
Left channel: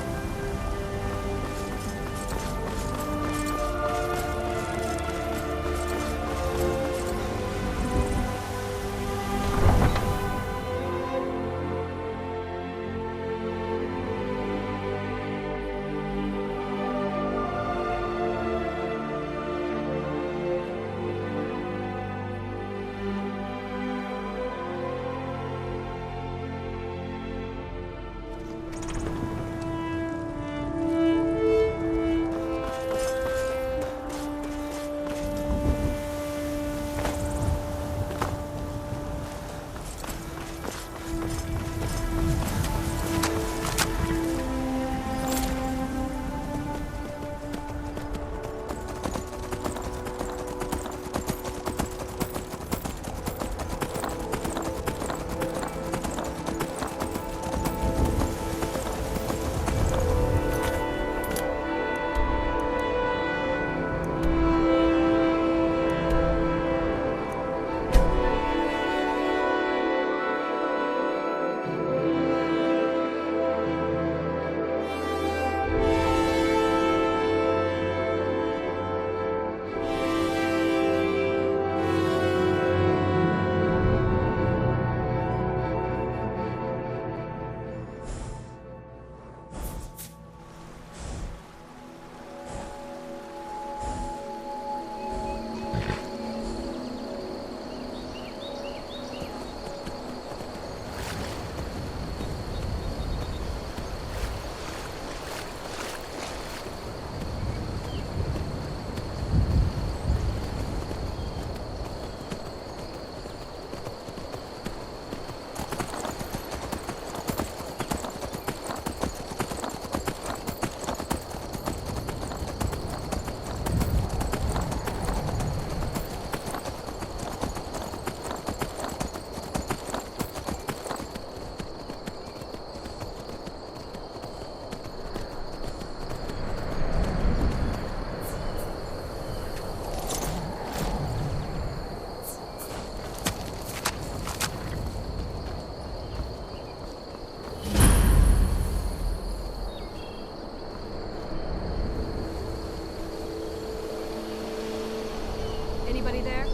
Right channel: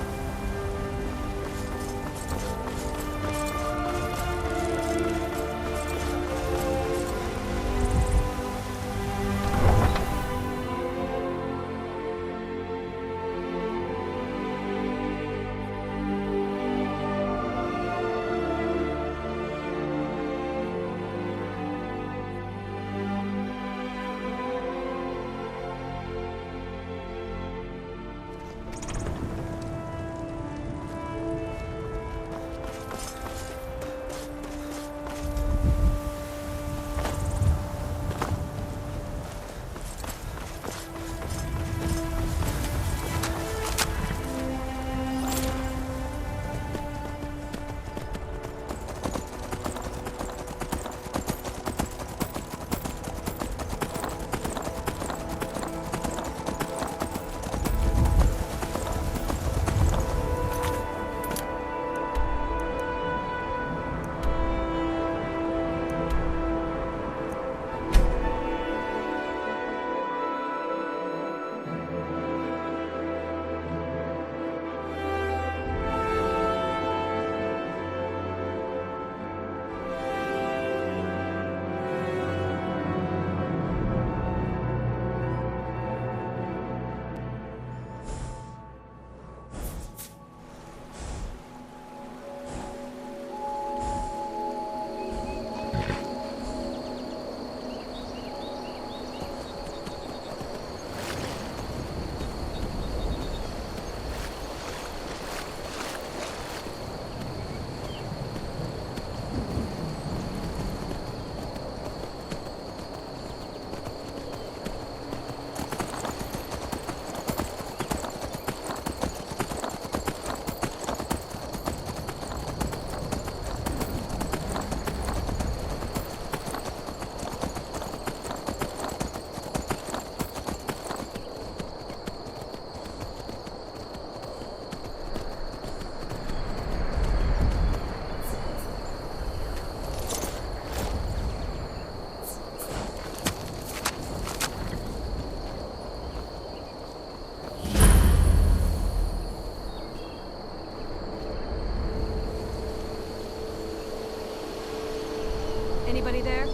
Anybody there?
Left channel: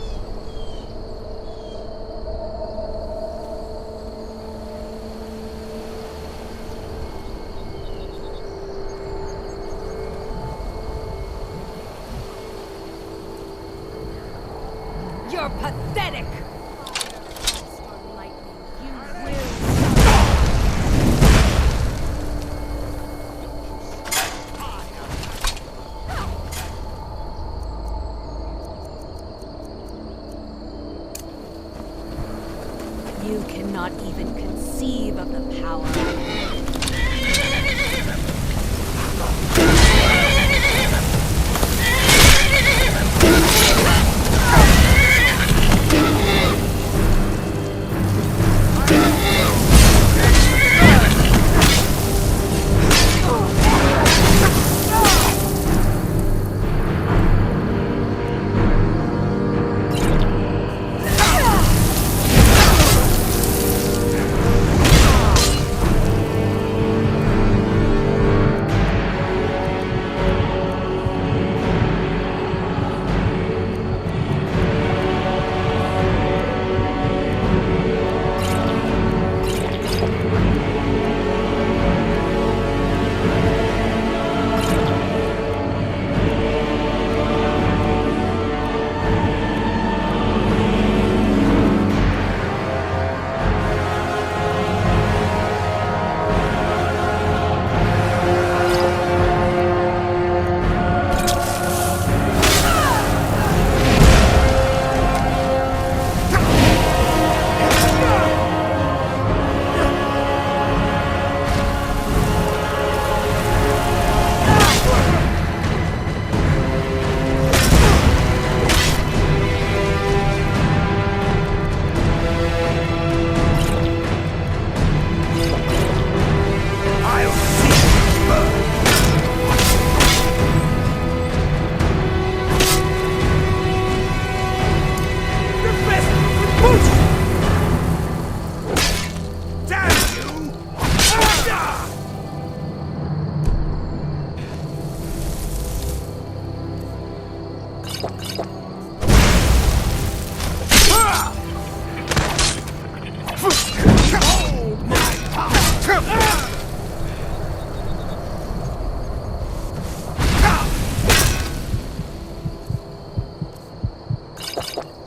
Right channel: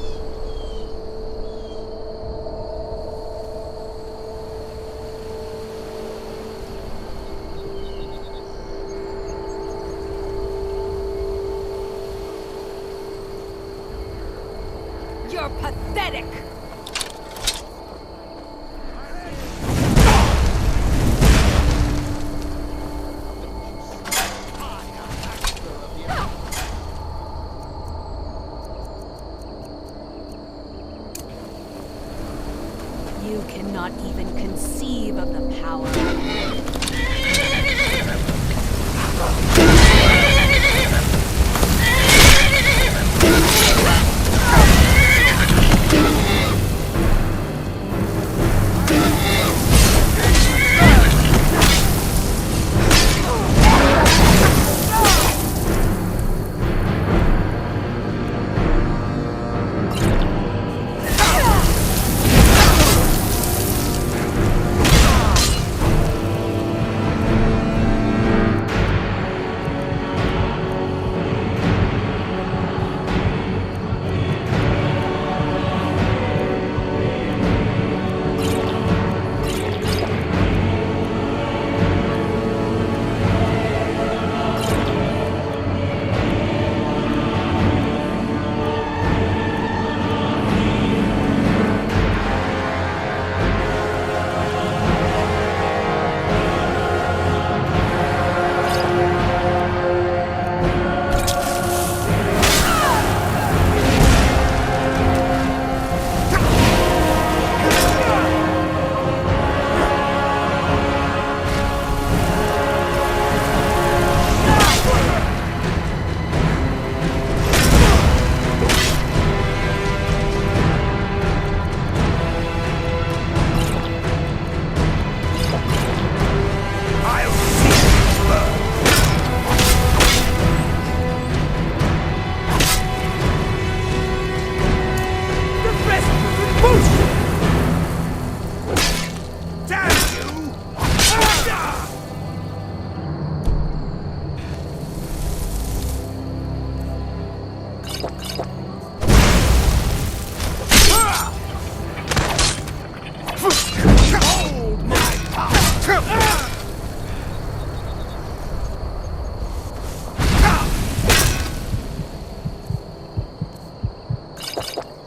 You're pathetic! You cannot even conceive of the power. Skyrim.